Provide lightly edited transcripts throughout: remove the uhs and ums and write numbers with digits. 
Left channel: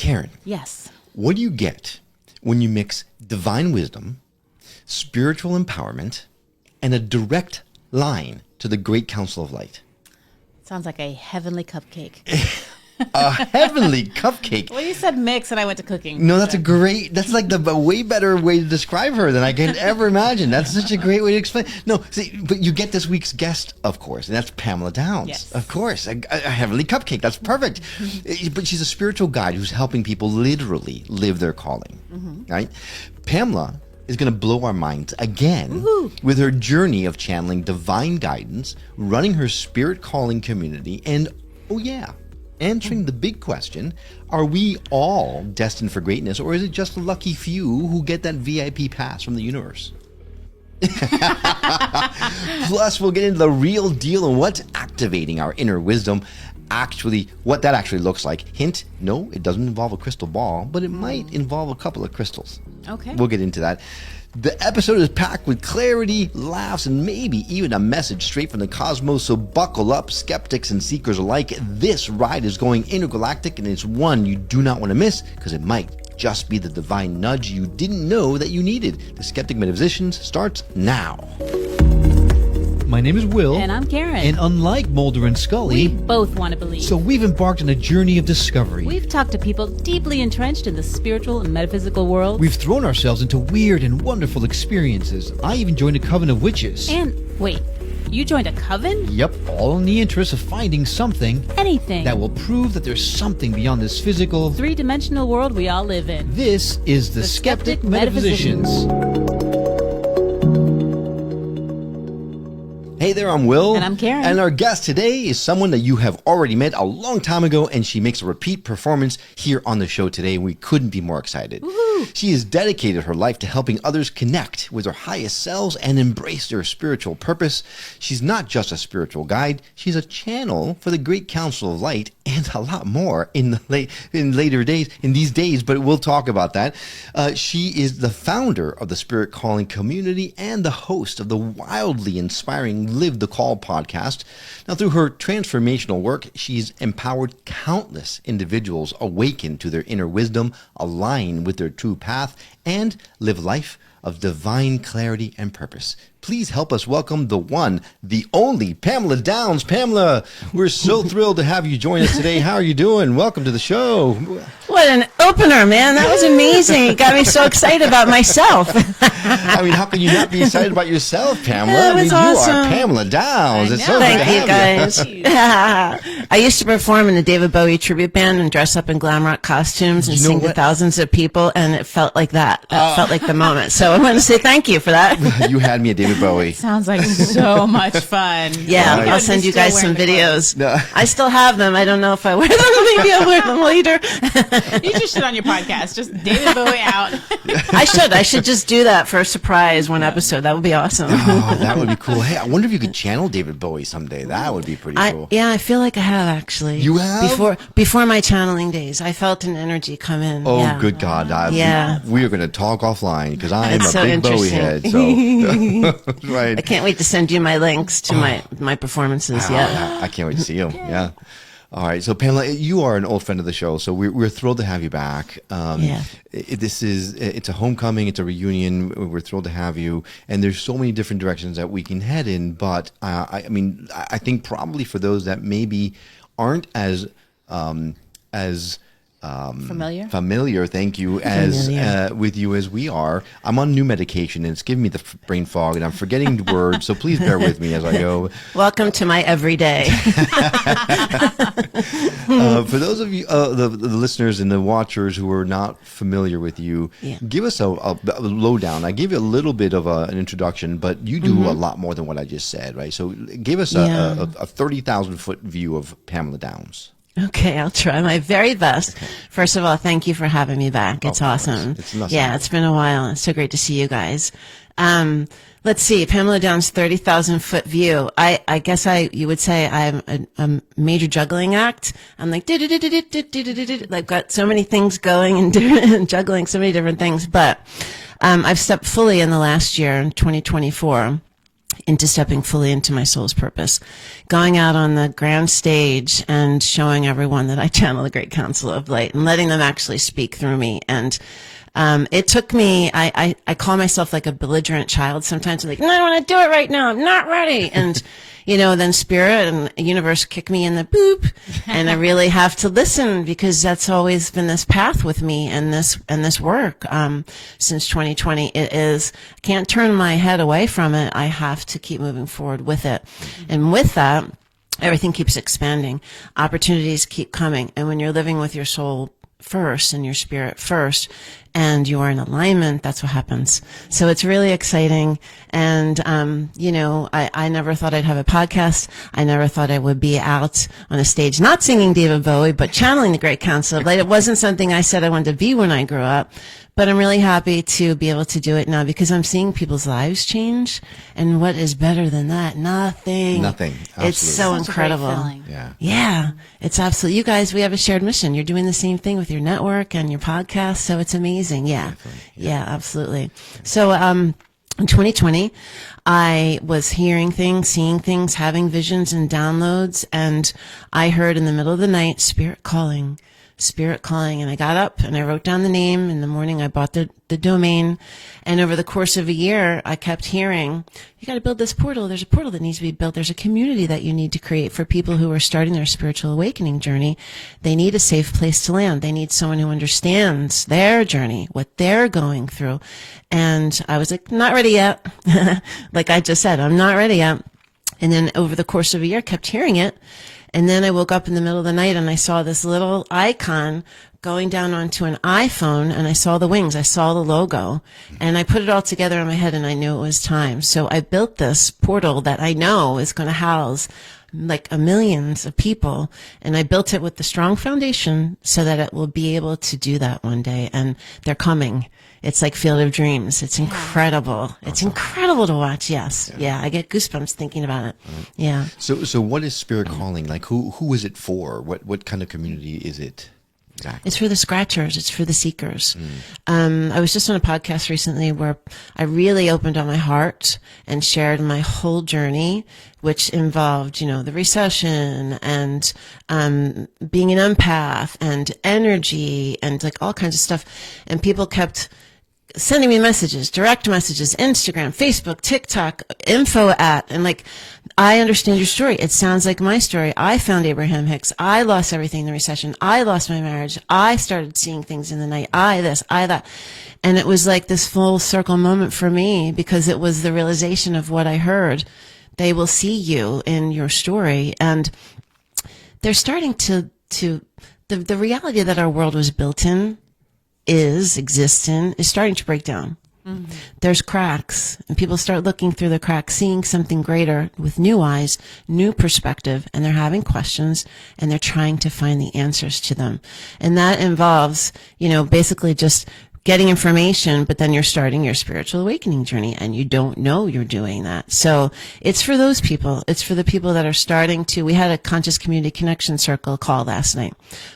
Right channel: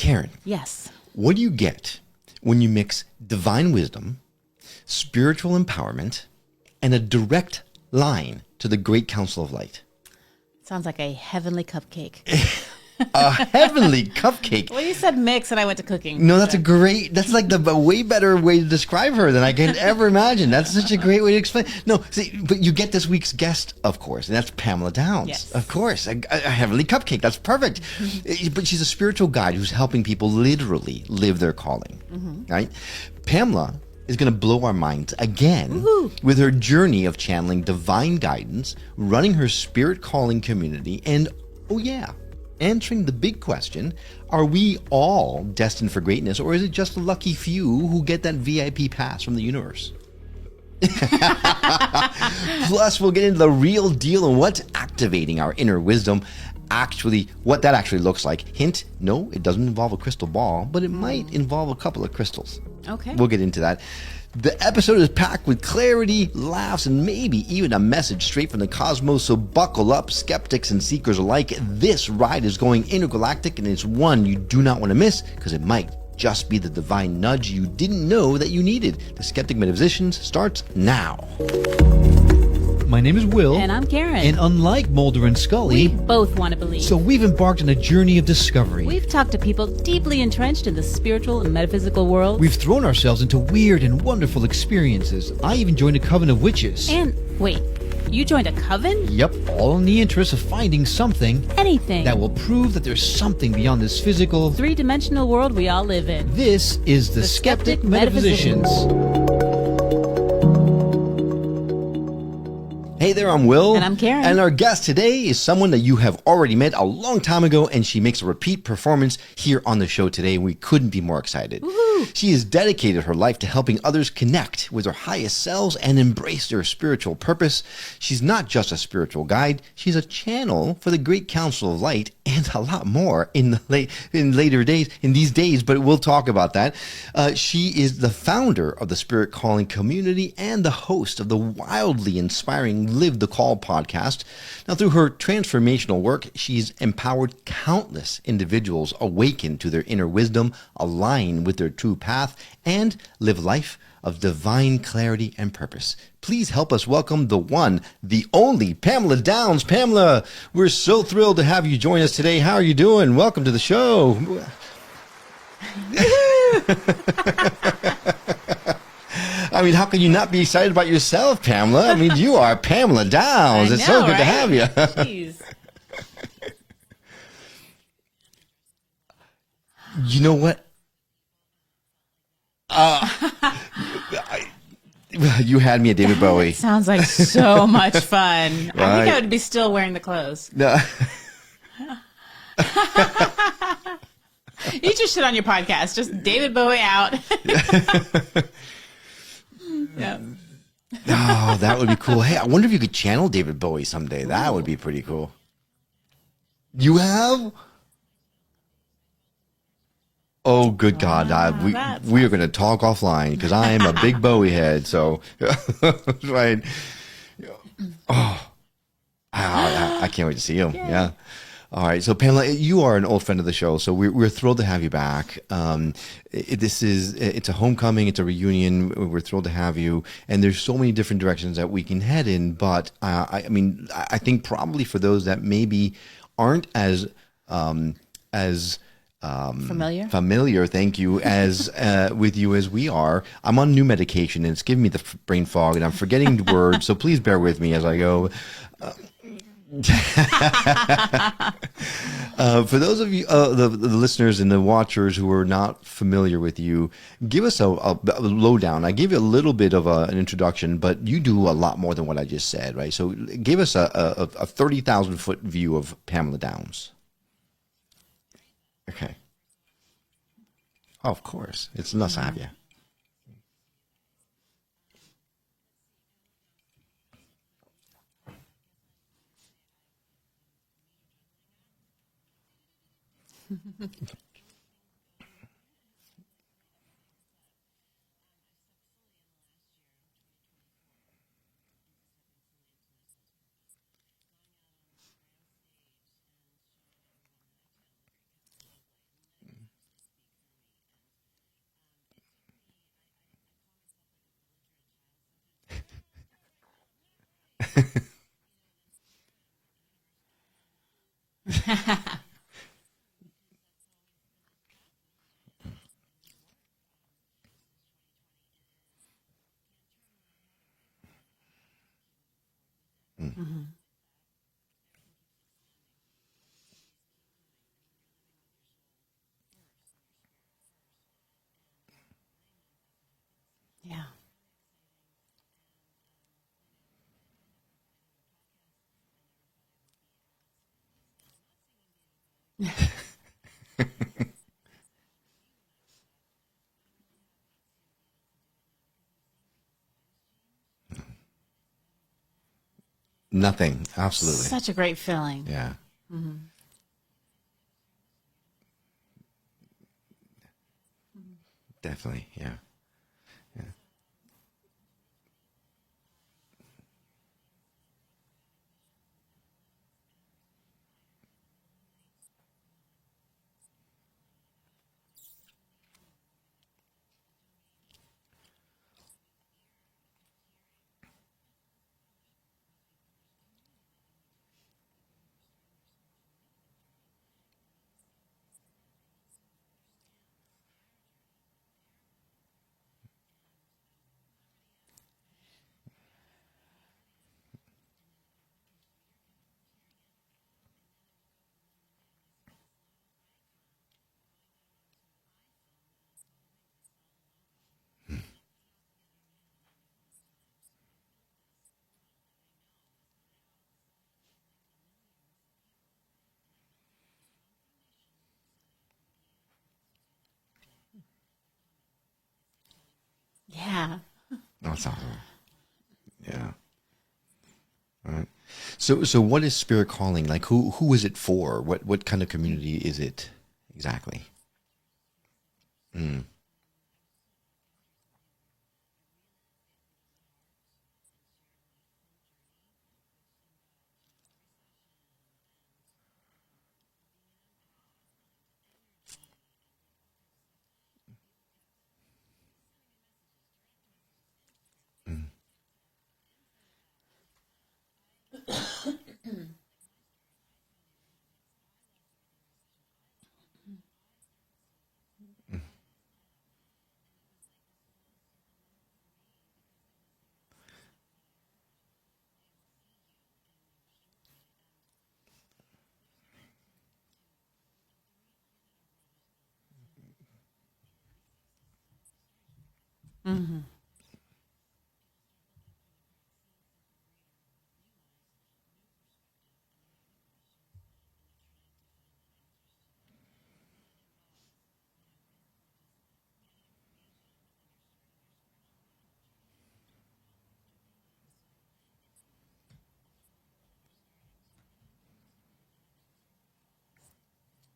Karen. Yes. What do you get when you mix divine wisdom, spiritual empowerment, and a direct line to the Great Council of Light? Sounds like a heavenly cupcake. A heavenly cupcake. Well, you said mix, and I went to cooking. No, that's like the way better way to describe her than I can ever imagine. That's such a great way to explain. No, see, but you get this week's guest, of course, and that's Pamela Downs. Yes. Of course, a heavenly cupcake. That's perfect. But she's a spiritual guide who's helping people literally live their calling, right? Pamela is going to blow our minds again with her journey of channeling divine guidance, running her spirit calling community, and, answering the big question, are we all destined for greatness, or is it just the lucky few who get that VIP pass from the universe? Plus, we'll get into the real deal and what's activating our inner wisdom, what that actually looks like. Hint, no, it doesn't involve a crystal ball, but it might involve a couple of crystals. Okay. We'll get into that. The episode is packed with clarity, laughs, and maybe even a message straight from the cosmos, so buckle up, skeptics and seekers alike. This ride is going intergalactic, and it's one you do not want to miss, because it might just be the divine nudge you didn't know that you needed. The Skeptic Metaphysicians starts now. My name is Will. And I'm Karen. And unlike Mulder and Scully, we both want to believe. So we've embarked on a journey of discovery. We've talked to people deeply entrenched in the spiritual and metaphysical world. We've thrown ourselves into weird and wonderful experiences. I even joined a coven of witches. And wait, you joined a coven? Yep, all in the interest of finding something. Anything. That will prove that there's something beyond this physical, three-dimensional world we all live in. This is the Skeptic Metaphysicians. Hey there, I'm Will. And I'm Karen. And our guest today is someone that you have already met a long time ago, and she makes a repeat performance here on the show today. We couldn't be more excited. Woo-hoo. She has dedicated her life to helping others connect with their highest selves and embrace their spiritual purpose. She's not just a spiritual guide. She's a channel for the Great Council of Light and a lot more in these days, but we'll talk about that. She is the founder of the Spirit Calling community and the host of the wildly inspiring Live the Call podcast. Now, through her transformational work, she's empowered countless individuals awaken to their inner wisdom, align with their true path, and live life of divine clarity and purpose. Please help us welcome the one, the only Pamela Downs. Pamela, we're so thrilled to have you join us today. How are you doing? Welcome to the show. What an opener, man. That was amazing. It got me so excited about myself. I mean, how can you not be excited about yourself, Pamela? Yeah, I mean, that's you awesome. are Pamela Downs. It's so good to have you. I used to perform in the David Bowie tribute band and dress up in glam rock costumes and You know sing to what? thousands of people, and it felt like that. It felt like the moment. So I want to say thank you for that. You had me at David Bowie. Sounds like so much fun. Yeah, Right. I'll send you guys some videos. No. I still have them. I don't know if I wear them. Maybe I'll wear them later. You just should on your podcast. Just David Bowie out. I should just do that for a surprise one episode. That would be awesome. Oh, that would be cool. Hey, I wonder if you could channel David Bowie someday. That would be pretty cool. I feel like I have actually. You have? Before my channeling days, I felt an energy come in. Oh, yeah. good God. Yeah. We are going to talk offline because I am a So big Bowie interesting. head. So, right. I can't wait to send you my links to my performances. Yeah. I can't wait to see you. Yeah. All right. So, Pamela, you are an old friend of the show, so we're thrilled to have you back. It's a homecoming. It's a reunion. We're thrilled to have you. And there's so many different directions that we can head in. But, I think probably for those that maybe aren't as familiar, thank you, as with you as we are. I'm on new medication and it's giving me the brain fog and I'm forgetting the words, so please bear with me as I go. Welcome to my everyday. For those of you, the listeners and the watchers who are not familiar with you, give us a lowdown. I gave you a little bit of an introduction, but you do a lot more than what I just said, right? So give us a 30,000 foot view of Pamela Downs. Okay, I'll try my very best. Okay. First of all, thank you for having me back. It's awesome. It's nothing. Yeah, it's been a while. It's so great to see you guys. Let's see, Pamela Downs' 30,000 foot view. I guess you would say I'm a major juggling act. I'm like, I've got so many things going and juggling so many different things. But I've stepped fully in the last year, in 2024, into stepping fully into my soul's purpose, going out on the grand stage and showing everyone that I channel the Great Council of Light and letting them actually speak through me. And it took me, I call myself like a belligerent child sometimes. I'm like, no, I want to do it right now. I'm not ready. And, then spirit and universe kick me in the boop. And I really have to listen, because that's always been this path with me and this work. Since 2020, I can't turn my head away from it. I have to keep moving forward with it. And with that, everything keeps expanding. Opportunities keep coming. And when you're living with your soul first and your spirit first, and you are in alignment, that's what happens. Yeah. So it's really exciting. And, I never thought I'd have a podcast. I never thought I would be out on a stage, not singing David Bowie, but channeling the Great Council of Light. It wasn't something I said I wanted to be when I grew up. But I'm really happy to be able to do it now, because I'm seeing people's lives change. And what is better than that? Nothing. Nothing. Absolutely. It's so Such incredible. a great feeling. Yeah. Yeah. It's absolutely. You guys, we have a shared mission. You're doing the same thing with your network and your podcast. So it's amazing. Yeah. Definitely. Yeah, absolutely. Yeah. So, in 2020, I was hearing things, seeing things, having visions and downloads. And I heard in the middle of the night, spirit calling. And I got up and I wrote down the name. In the morning I bought the domain, and over the course of a year I kept hearing, you got to build this portal. There's a portal that needs to be built. There's a community that you need to create for people who are starting their spiritual awakening journey. They need a safe place to land. They need someone who understands their journey, what they're going through. And I was like, not ready yet. Like I just said, I'm not ready yet. And then over the course of a year I kept hearing it. And then I woke up in the middle of the night and I saw this little icon going down onto an iPhone, and I saw the wings. I saw the logo, and I put it all together in my head, and I knew it was time. So I built this portal that I know is going to house like millions of people, and I built it with the strong foundation so that it will be able to do that one day. And they're coming. It's like Field of Dreams. It's incredible. It's incredible to watch. Yes. Yeah. I get goosebumps thinking about it. Right. Yeah. So what is spirit calling? Like who is it for? What kind of community is it exactly? It's for the scratchers. It's for the seekers. I was just on a podcast recently where I really opened up my heart and shared my whole journey, which involved, the recession and being an empath and energy and like all kinds of stuff. And people kept sending me messages, direct messages, Instagram, Facebook, TikTok, info at, and like, I understand your story. It sounds like my story. I found Abraham Hicks. I lost everything in the recession. I lost my marriage. I started seeing things in the night. I this, I that. And it was like this full circle moment for me, because it was the realization of what I heard. They will see you in your story, and they're starting to the reality that our world was built in, exists in, is starting to break down. Mm-hmm. There's cracks, and people start looking through the cracks, seeing something greater with new eyes, new perspective, and they're having questions, and they're trying to find the answers to them. And that involves, basically just getting information, but then you're starting your spiritual awakening journey and you don't know you're doing that. So it's for those people. It's for the people that are starting to, we had a conscious community connection circle call last night,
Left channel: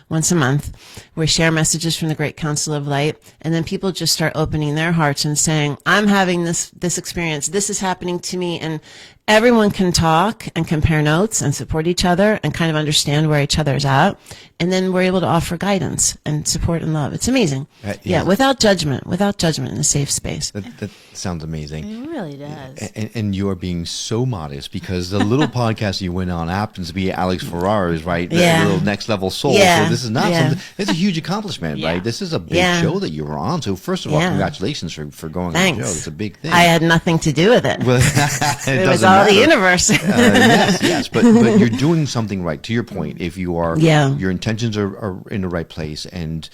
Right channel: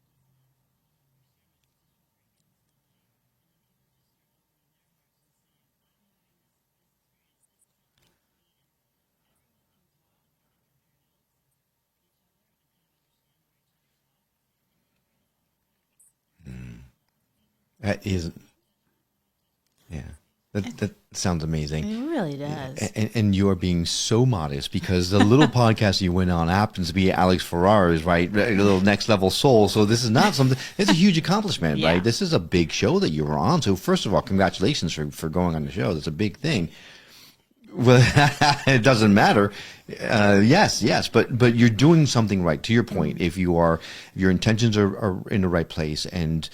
once a month. We share messages from the Great Council of Light, and then people just start opening their hearts and saying, I'm having this experience. This is happening to me. And everyone can talk and compare notes and support each other and kind of understand where each other's at. And then we're able to offer guidance and support and love. It's amazing. Without judgment in a safe space. That sounds amazing. It really does. And you are being so modest, because the little podcast you went on happens to be Alex Ferrar's, right? The little Next Level Soul. Yeah. So this is not something, it's a huge accomplishment, right? This is a big show that you were on. So first of all, congratulations for going on the show. It's a big thing. I had nothing to do with it. Well, it doesn't matter. The universe. Yes. But you're doing something right. To your point, if you are, your intentions are in the right place, and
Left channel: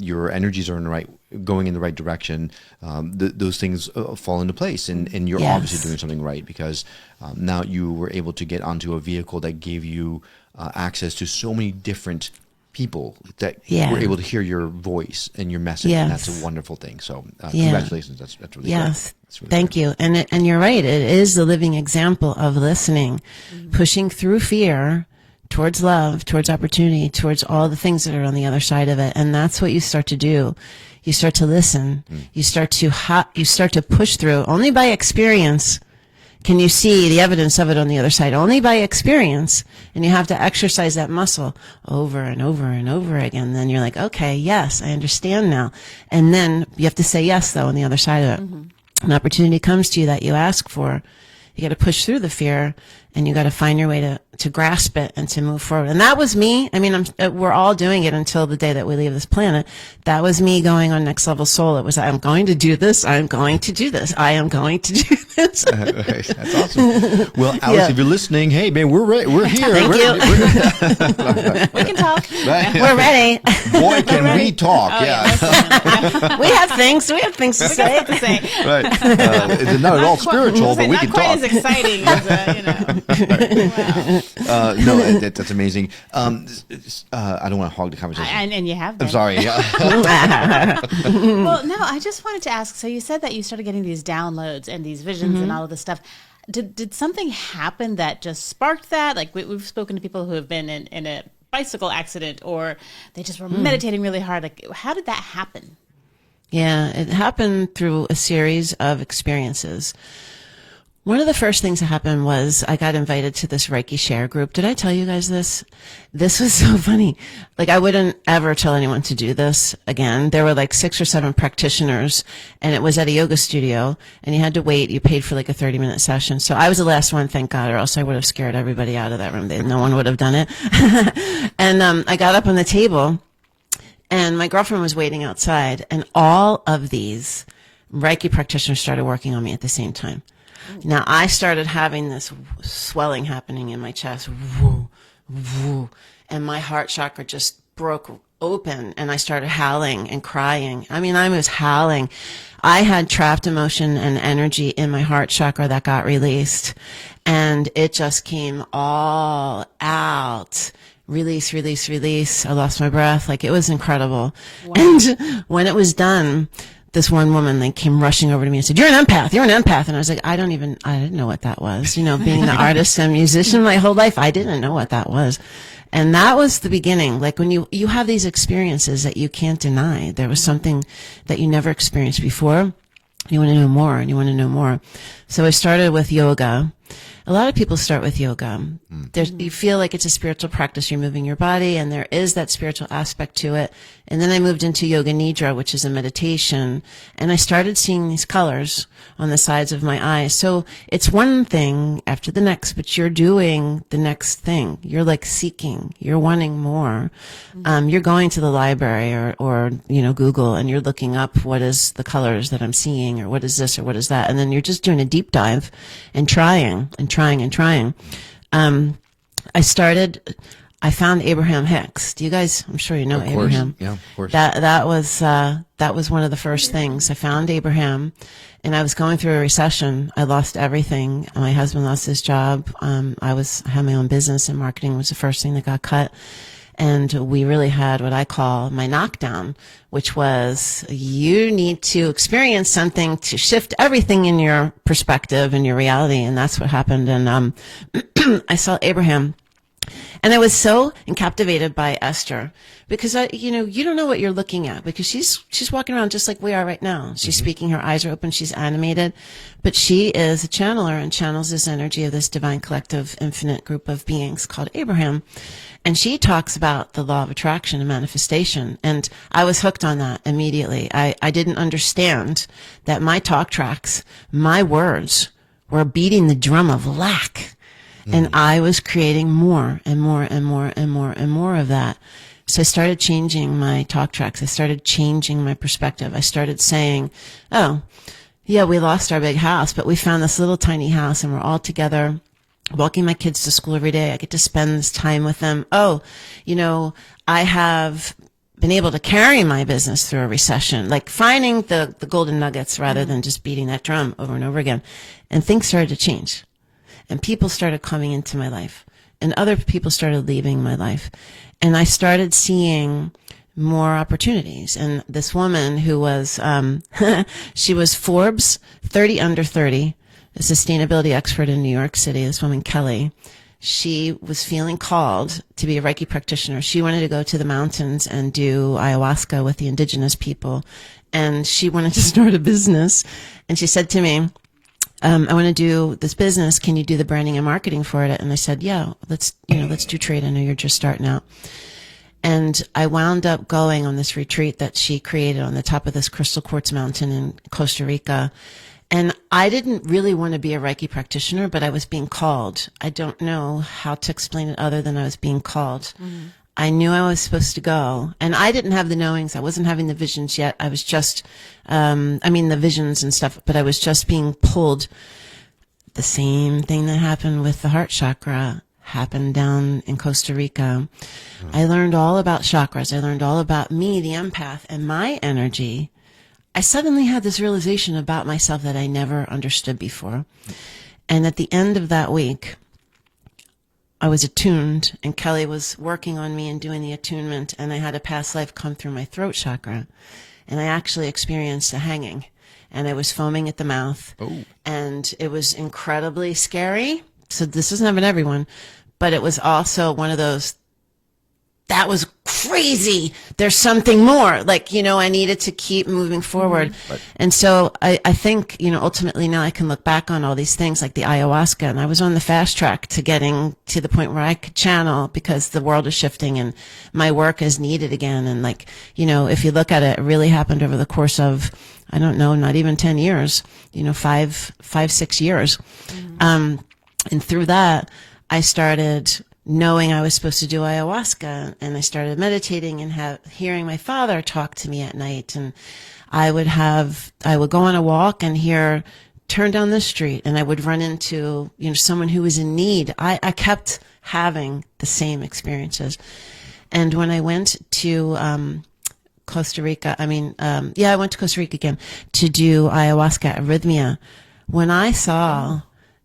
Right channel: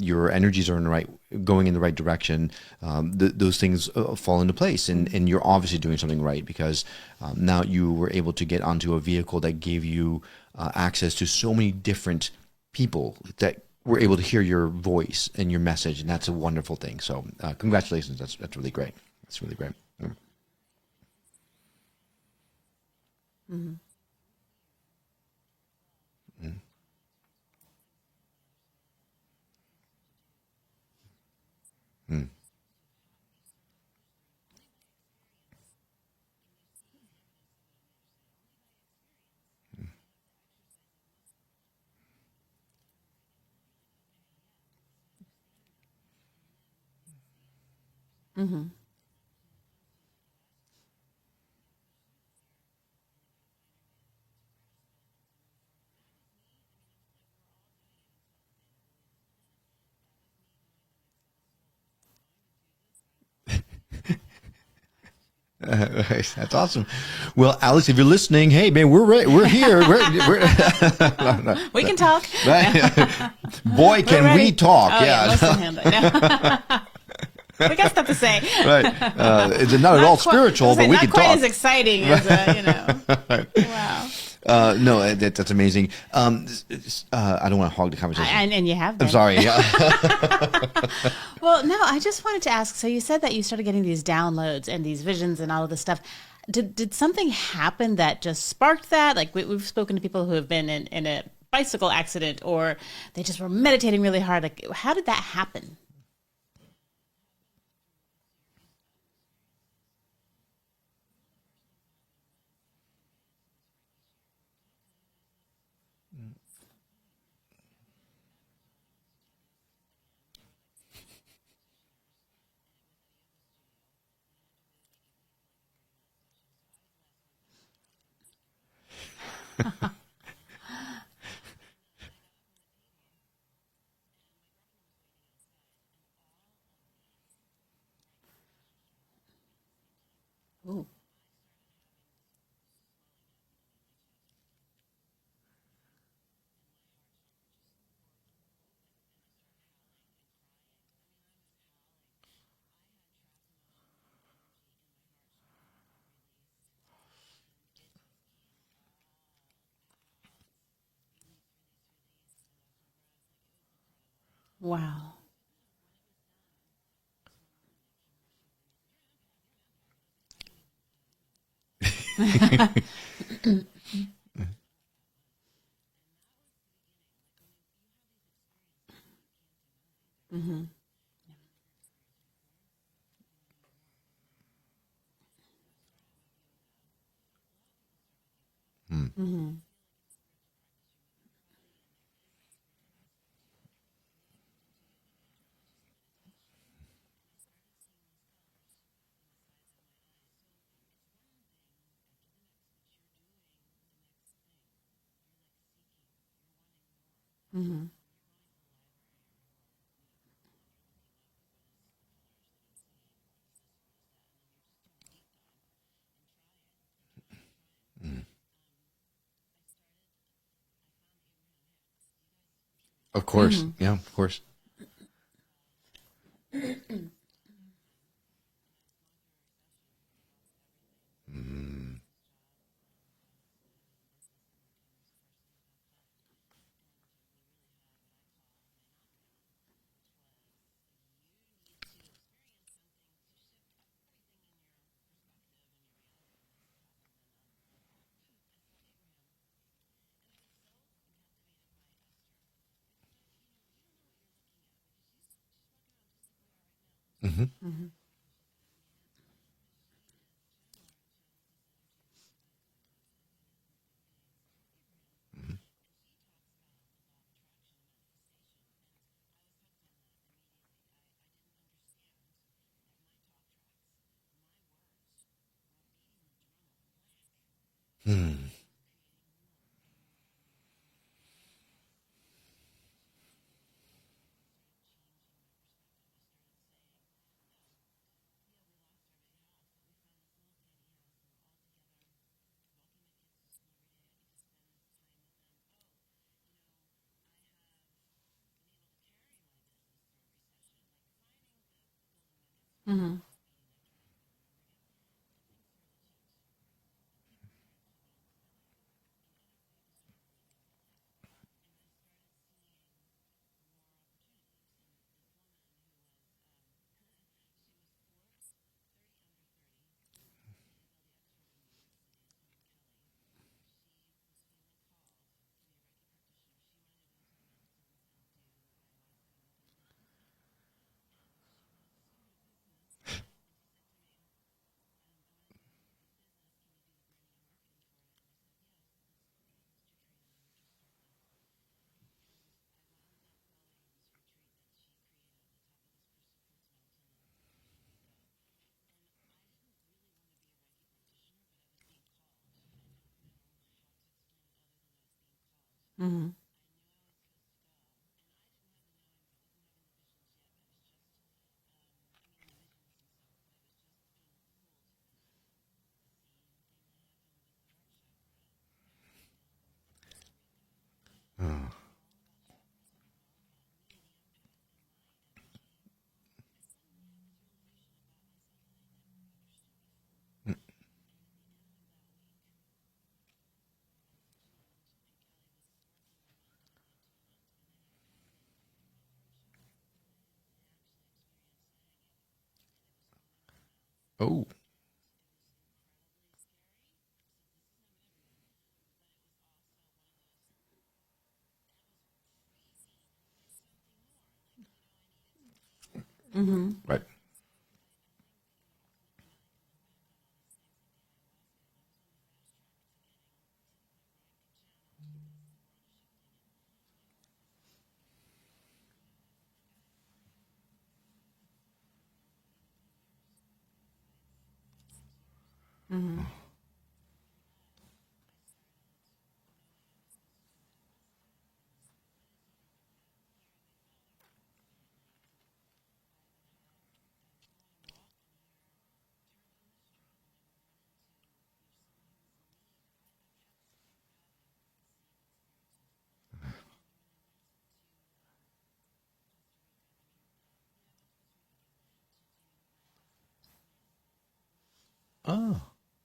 your energies are going in the right direction, those things fall into place, and you're obviously doing something right, because now you were able to get onto a vehicle that gave you access to so many different people that were able to hear your voice and your message, and that's a wonderful thing. So congratulations. That's really great. That's really Thank you. And you're right. It is the living example of listening, pushing through fear towards love, towards opportunity, towards all the things that are on the other side of it. And that's what you start to do. You start to listen. You start to push through. Only by experience can you see the evidence of it on the other side? Only by experience. And you have to exercise that muscle over and over and over again. Then you're like, okay, yes, I understand now. And then you have to say yes, though, on the other side of it. An opportunity comes to you that you ask for. You got to push through the fear, and you got to find your way to grasp it and to move forward. And that was me. I mean, we're all doing it until the day that we leave this planet. That was me going on next level soul. It was, I'm going to do this. I'm going to do this. I am going to do this. That's awesome. Well, Alice, if you're listening, hey, man, we're ready. We're here. We can talk. We're ready. Boy, can we talk. Oh, yeah. We have things. We have things to We got say. stuff to say. Right. It's not at all spiritual, but we can not quite talk. as exciting as wow. No, that's amazing. I don't want to hog the conversation. And you have been. I'm sorry. Yeah. Well, no, I just wanted to ask. So you said that you started getting these downloads and these visions and all of this stuff. Did something happen that just sparked that? Like we've spoken to people who have been in a bicycle accident, or they just were meditating really hard. Like, how did that happen? Yeah, it happened through a series of experiences. One of the first things that happened was I got invited to this Reiki share group. Did I tell you guys this? This was so funny. Like, I wouldn't ever tell anyone to do this again. There were like 6 or 7 practitioners, and it was at a yoga studio, and you had to wait. You paid for like a 30-minute session. So I was the last one, thank God, or else I would have scared everybody out of that room. No one would have done it. And I got up on the table, and my girlfriend was waiting outside, and all of these Reiki practitioners started working on me at the same time. Now, I started having this swelling happening in my chest, woo, woo, and my heart chakra just broke open, and I started howling and crying. I mean, I was howling. I had trapped emotion and energy in my heart chakra that got released, and it just came all out. Release, release, release. I lost my breath. Like, it was incredible. Wow. And when it was done, this one woman came rushing over to me and said, "You're an empath. You're an empath." And I was like, I didn't know what that was. You know, being an artist and musician my whole life, I didn't know what that was. And that was the beginning. Like, when you have these experiences that you can't deny, there was something that you never experienced before. You want to know more, and you want to know more. So I started with yoga. A lot of people start with yoga. You feel like it's a spiritual practice. You're moving your body, and there is that spiritual aspect to it. And then I moved into yoga nidra, which is a meditation, and I started seeing these colors on the sides of my eyes. So it's one thing after the next, but you're doing the next thing. You're like seeking. You're wanting more. You're going to the library or Google, and you're looking up what is the colors that I'm seeing, or what is this or what is that, and then you're just doing a deep dive and trying and trying and trying. I found Abraham Hicks. Do you guys? I'm sure you know Of course. Abraham. Yeah, of course. That was one of the first things. I found Abraham, and I was going through a recession. I lost everything. My husband lost his job. I had my own business, and marketing was the first thing that got cut. And we really had what I call my knockdown, which was, you need to experience something to shift everything in your perspective and your reality. And that's what happened. And I saw Abraham, and I was so captivated by Esther, because you don't know what you're looking at, because she's walking around just like we are right now. She's speaking, her eyes are open, she's animated, but she is a channeler and channels this energy of this divine collective infinite group of beings called Abraham. And she talks about the law of attraction and manifestation. And I was hooked on that immediately. I didn't understand that my talk tracks, my words, were beating the drum of lack. And I was creating more and more and more and more and more of that. So I started changing my talk tracks. I started changing my perspective. I started saying, oh, yeah, we lost our big house, but we found this little tiny house, and we're all together walking my kids to school every day. I get to spend this time with them. Oh, I have been able to carry my business through a recession, like finding the golden nuggets rather than just beating that drum over and over again. And things started to change. And people started coming into my life, and other people started leaving my life. And I started seeing more opportunities. And this woman who was, she was Forbes 30 under 30, a sustainability expert in New York City, this woman, Kelly. She was feeling called to be a Reiki practitioner. She wanted to go to the mountains and do ayahuasca with the indigenous people. And she wanted to start a business. And she said to me, I want to do this business. Can you do the branding and marketing for it? And I said, yeah, let's do trade. I know you're just starting out. And I wound up going on this retreat that she created on the top of this crystal quartz mountain in Costa Rica. And I didn't really want to be a Reiki practitioner, but I was being called. I don't know how to explain it other than I was being called. Mm-hmm. I knew I was supposed to go, and I didn't have the knowings. I wasn't having the visions yet. I was just, the visions and stuff, but I was just being pulled. The same thing that happened with the heart chakra happened down in Costa Rica. I learned all about chakras. I learned all about me, the empath, and my energy. I suddenly had this realization about myself that I never understood before. And at the end of that week, I was attuned, and Kelly was working on me and doing the attunement, and I had a past life come through my throat chakra, and I actually experienced a hanging, and I was foaming at the mouth, and it was incredibly scary. So this doesn't happen to everyone, but it was also one of those, that was crazy. There's something more. Like, I needed to keep moving forward. Mm-hmm. Right. And so I think, ultimately now I can look back on all these things like the ayahuasca, and I was on the fast track to getting to the point where I could channel because the world is shifting and my work is needed again. And if you look at it, it really happened over the course of, I don't know, not even 10 years, 6 years. Mm-hmm. And through that, I started knowing I was supposed to do ayahuasca, and I started meditating and hearing my father talk to me at night. And I would go on a walk and turn down the street, and I would run into, someone who was in need. I kept having the same experiences. And when I went to, Costa Rica, I went to Costa Rica again to do ayahuasca arrhythmia.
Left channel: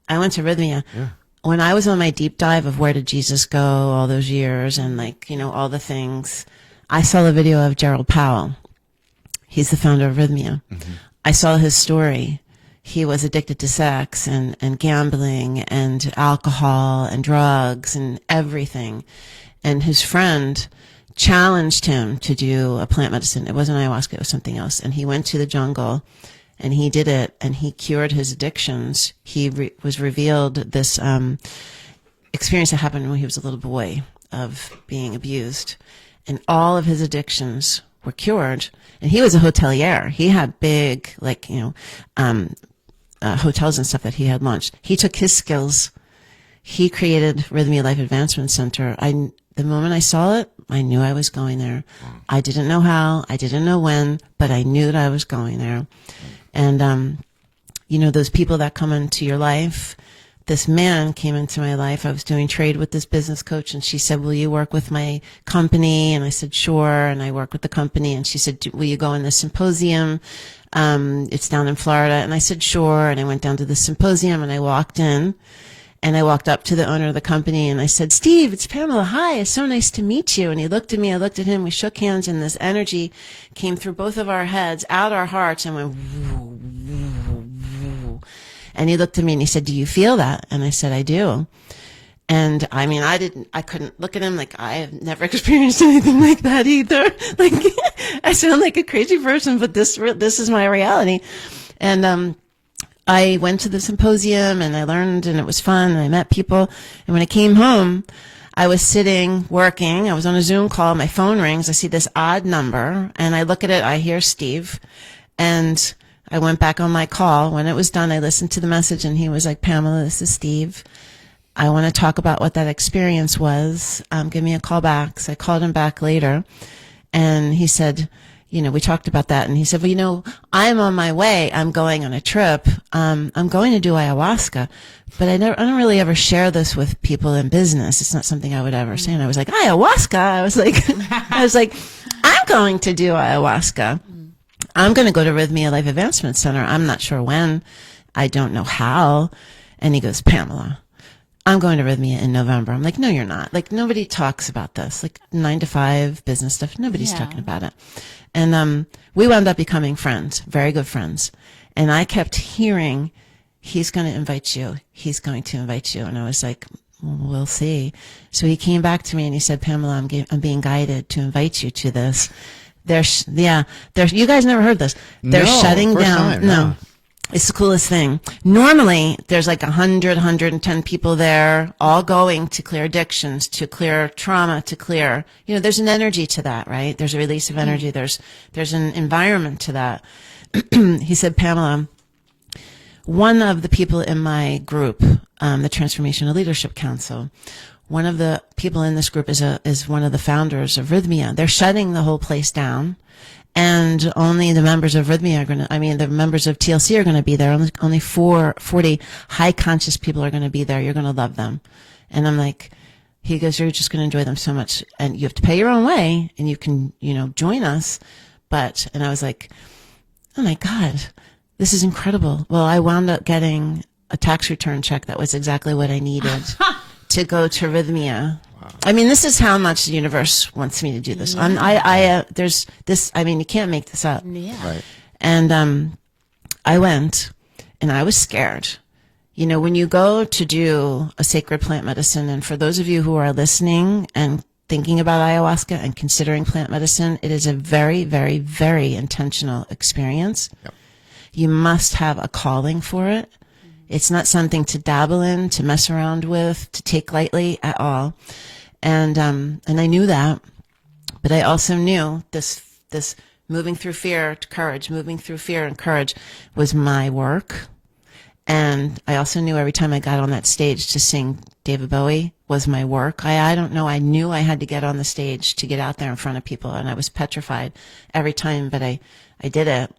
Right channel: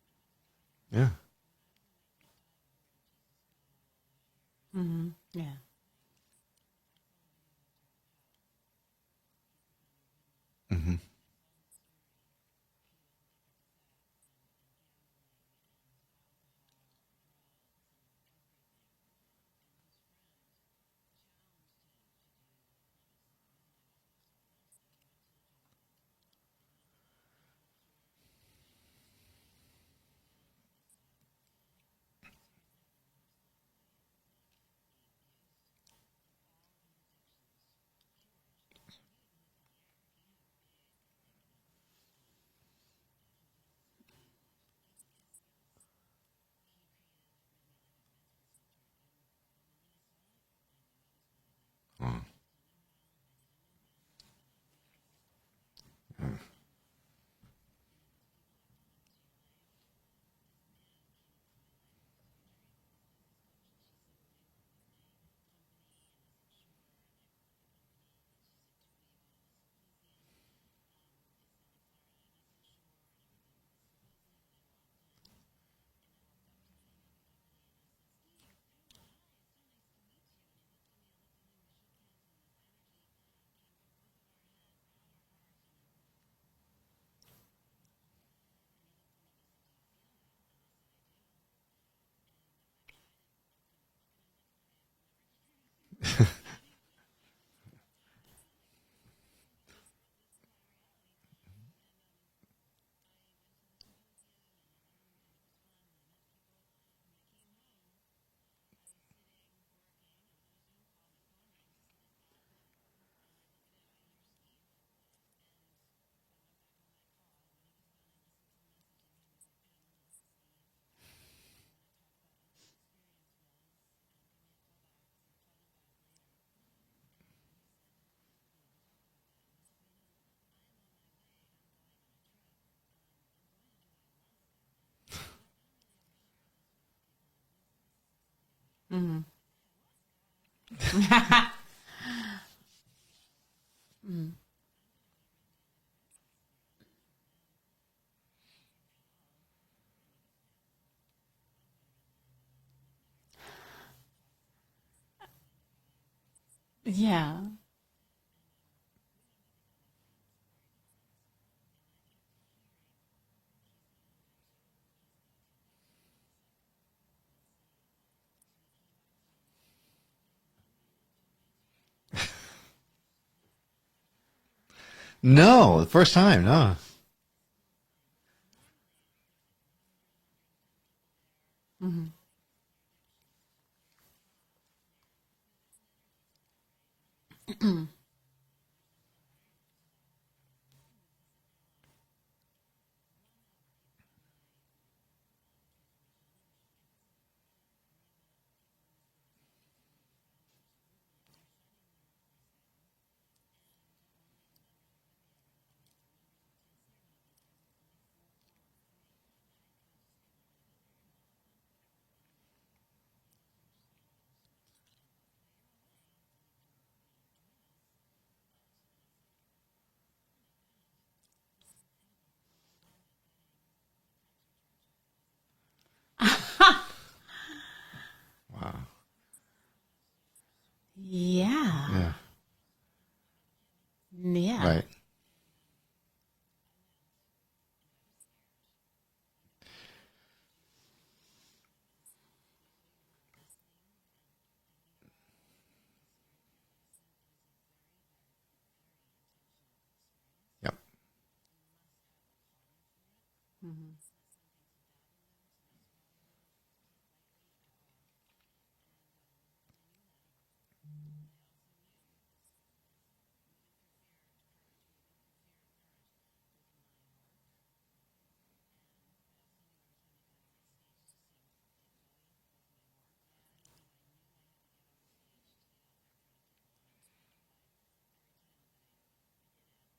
I went to arrhythmia. Yeah. When I was on my deep dive of where did Jesus go all those years and all the things, I saw the video of Gerald Powell. He's the founder of Rhythmia. Mm-hmm. I saw his story. He was addicted to sex and gambling and alcohol and drugs and everything. And his friend challenged him to do a plant medicine. It wasn't ayahuasca, it was something else. And he went to the jungle and he did it, and he cured his addictions. He was revealed this experience that happened when he was a little boy of being abused, and all of his addictions were cured. And he was a hotelier. He had big, hotels and stuff that he had launched. He took his skills. He created Rhythmia Life Advancement Center. The moment I saw it, I knew I was going there. Wow. I didn't know how, I didn't know when, but I knew that I was going there. And, those people that come into your life, this man came into my life. I was doing trade with this business coach, and she said, will you work with my company? And I said, sure. And I worked with the company, and she said, will you go in the symposium? It's down in Florida. And I said, sure. And I went down to the symposium, and I walked in. And I walked up to the owner of the company and I said, Steve, it's Pamela. Hi, it's so nice to meet you. And he looked at me, I looked at him, we shook hands, and this energy came through both of our heads, out our hearts, and went woo, woo, woo. And he looked at me and he said, do you feel that? And I said, I do. And I couldn't look at him like I have never experienced anything like that either. Like I sound like a crazy person, but this is my reality. And, I went to the symposium and I learned, and it was fun, and I met people. And when I came home, I was sitting working. I was on a Zoom call. My phone rings. I see this odd number and I look at it. I hear Steve, and I went back on my call. When it was done, I listened to the message, and he was like, Pamela, this is Steve. I want to talk about what that experience was. Give me a call back. So I called him back later, and he said, we talked about that, and he said, well, I'm on my way. I'm going on a trip. I'm going to do ayahuasca, but I don't really ever share this with people in business. It's not something I would ever say. And I was like, ayahuasca? I was like, I'm going to do ayahuasca. I'm going to go to Rhythmia Life Advancement Center. I'm not sure when. I don't know how. And he goes, Pamela, I'm going to Rhythmia in November. I'm like, no, you're not. Like, nobody talks about this. Like 9 to 5 business stuff. Nobody's talking about it. And we wound up becoming friends, very good friends. And I kept hearing, he's going to invite you. He's going to invite you. And I was like, we'll see. So he came back to me and he said, Pamela, I'm being guided to invite you to this. You guys never heard this. They're shutting first down. Time, no. It's the coolest thing. Normally, there's like 100, 110 people there, all going to clear addictions, to clear trauma, to clear, there's an energy to that, right? There's a release of energy. There's an environment to that. He said, Pamela, one of the people in my group, the Transformational Leadership Council, one of the people in this group is one of the founders of Rhythmia. They're shutting the whole place down. And only the members of Rhythmia the members of TLC are going to be there. Only 40 high conscious people are going to be there. You're going to love them. And I'm like, he goes, you're just going to enjoy them so much. And you have to pay your own way and you can, join us. And I was like, oh my God, this is incredible. Well, I wound up getting a tax return check that was exactly what I needed to go to Rhythmia. Wow. I mean, this is how much the universe wants me to do this. Yeah. There's this, you can't make this up. Yeah. Right. And I went and I was scared. When you go to do a sacred plant medicine, and for those of you who are listening and thinking about ayahuasca and considering plant medicine, it is a very, very, very intentional experience. Yep. You must have a calling for it. It's not something to dabble in, to mess around with, to take lightly at all. And I knew that, but I also knew this moving through fear to courage, moving through fear and courage was my work. And I also knew every time I got on that stage to sing David Bowie was my work. I don't know. I knew I had to get on the stage to get out there in front of people, and I was petrified every time, but I did it,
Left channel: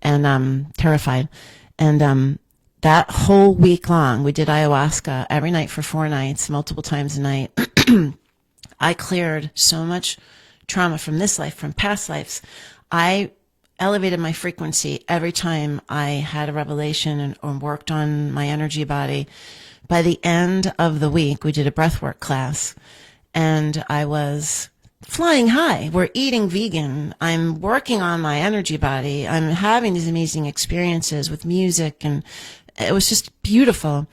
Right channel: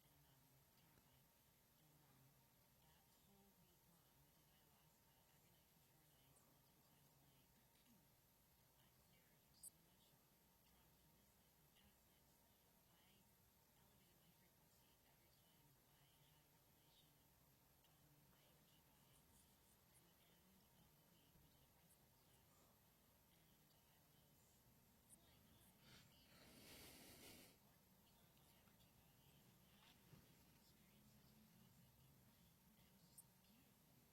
and terrified. And that whole week long, we did ayahuasca every night for 4 nights, multiple times a night. I cleared so much trauma from this life, from past lives. I elevated my frequency every time I had a revelation or worked on my energy body. By the end of the week, we did a breathwork class, and I was flying high. We're eating vegan. I'm working on my energy body. I'm having these amazing experiences with music, and it was just beautiful.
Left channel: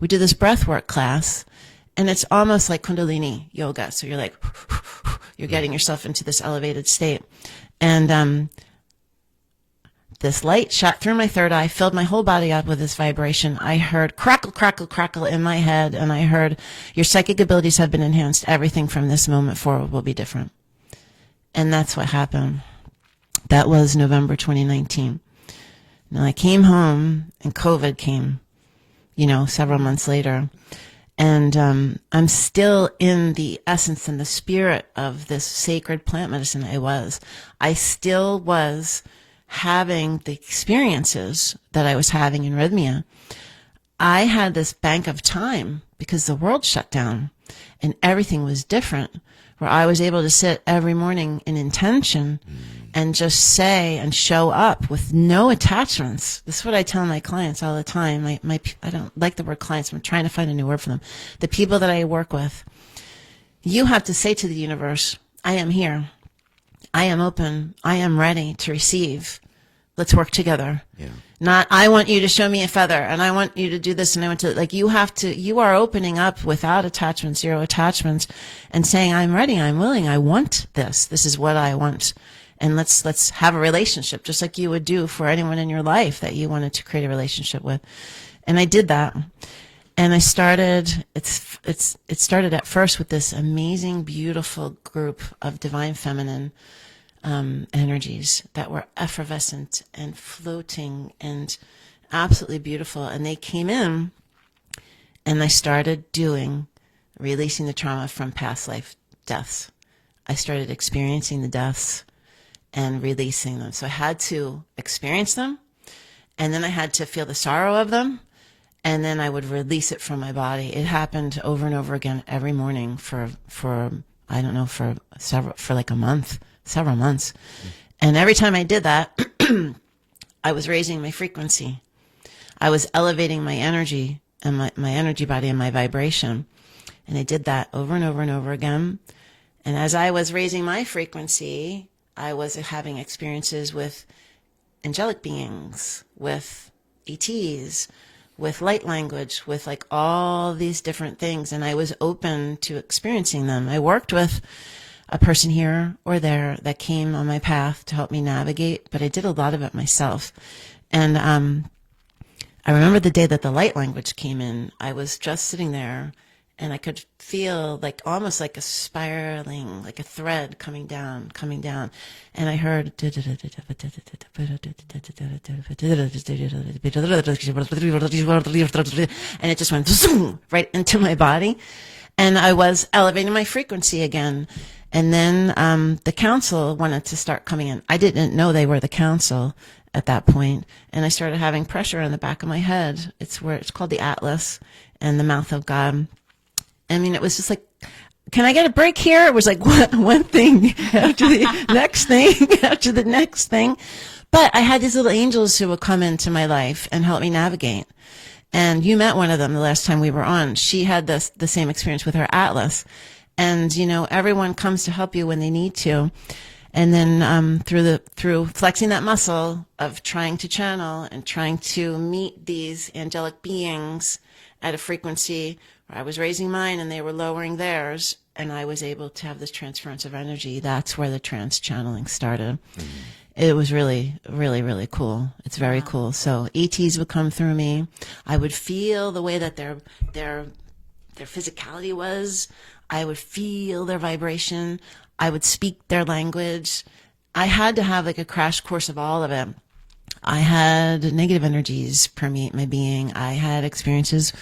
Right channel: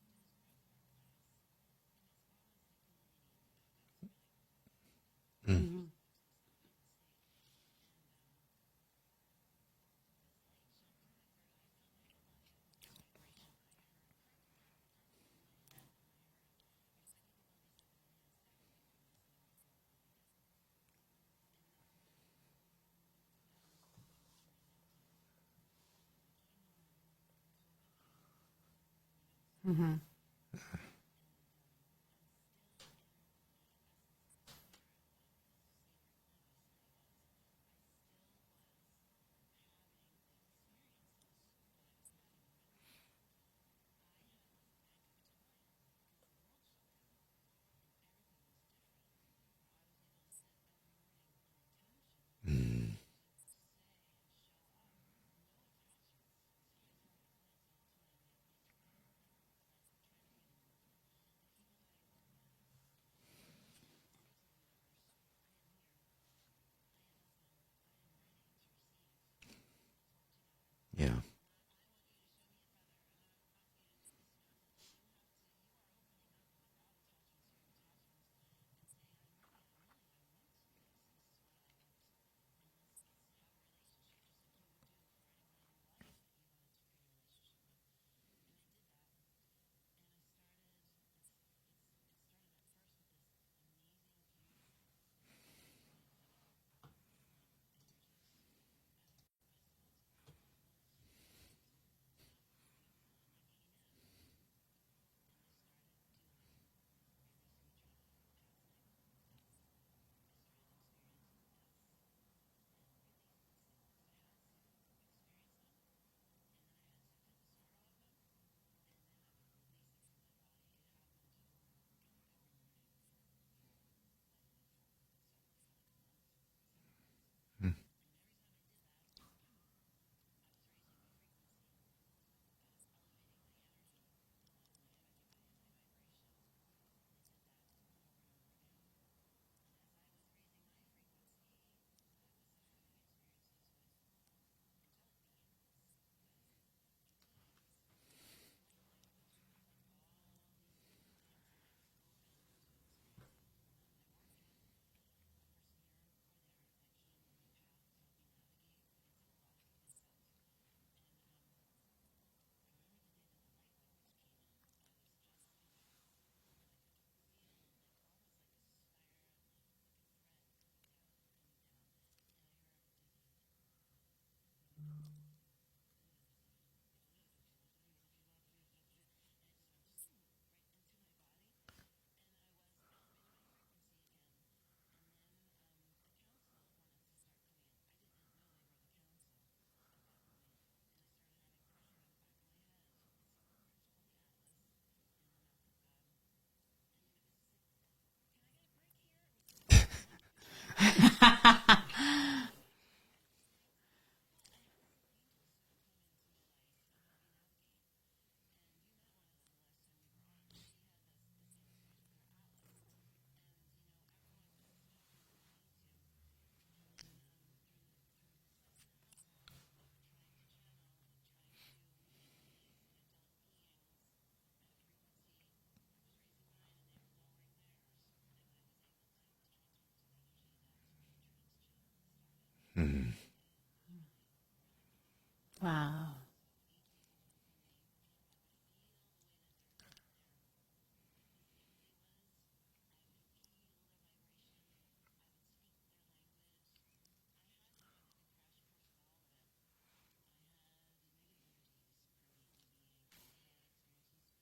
We did this breathwork class, and it's almost like Kundalini yoga. So you're like, you're getting yourself into this elevated state. And this light shot through my third eye, filled my whole body up with this vibration. I heard crackle, crackle, crackle in my head, and I heard, your psychic abilities have been enhanced. Everything from this moment forward will be different. And that's what happened. That was November 2019. Now I came home, and COVID came, several months later. And I'm still in the essence and the spirit of this sacred plant medicine. I still was having the experiences that I was having in Rhythmia. I had this bank of time because the world shut down and everything was different, where I was able to sit every morning in intention and just say and show up with no attachments. This is what I tell my clients all the time. I don't like the word clients. I'm trying to find a new word for them. The people that I work with, you have to say to the universe, I am here. I am open. I am ready to receive. Let's work together. Yeah. Not, I want you to show me a feather and I want you to do this and I want to, you are opening up without attachments, zero attachments, and saying, I'm ready, I'm willing, I want this. This is what I want. And let's have a relationship, just like you would do for anyone in your life that you wanted to create a relationship with. And I did that. And I started, it started at first with this amazing, beautiful group of divine feminine energies that were effervescent and floating and absolutely beautiful. And they came in and I started releasing the trauma from past life deaths. I started experiencing the deaths and releasing them. So I had to experience them, and then I had to feel the sorrow of them, and then I would release it from my body. It happened over and over again every morning for I don't know, for like a month, several months. And every time I did that, I was raising my frequency. I was elevating my energy and my energy body and my vibration. And I did that over and over and over again. And as I was raising my frequency, I was having experiences with angelic beings, with ETs, with light language, with like all these different things. And I was open to experiencing them. I worked with a person here or there that came on my path to help me navigate, but I did a lot of it myself. And I remember the day that the light language came in. I was just sitting there, and I could feel like almost like a spiraling, like a thread coming down. And I heard, and it just went zoom right into my body. And I was elevating my frequency again. And then the council wanted to start coming in. I didn't know they were the council at that point, and I started having pressure in the back of my head. It's called the Atlas and the mouth of God. I mean, it was just like, can I get a break here? It was like one thing after the next thing after the next thing. But I had these little angels who would come into my life and help me navigate. And you met one of them the last time we were on. She had the same experience with her Atlas. And, everyone comes to help you when they need to. And then through flexing that muscle of trying to channel and trying to meet these angelic beings at a frequency where I was raising mine and they were lowering theirs, and I was able to have this transference of energy, that's where the trance channeling started. Mm-hmm. It was really, really, really cool. It's very cool. So ETs would come through me. I would feel the way that their physicality was. I would feel their vibration. I would speak their language. I had to have like a crash course of all of it. I had negative energies permeate my being. I had experiences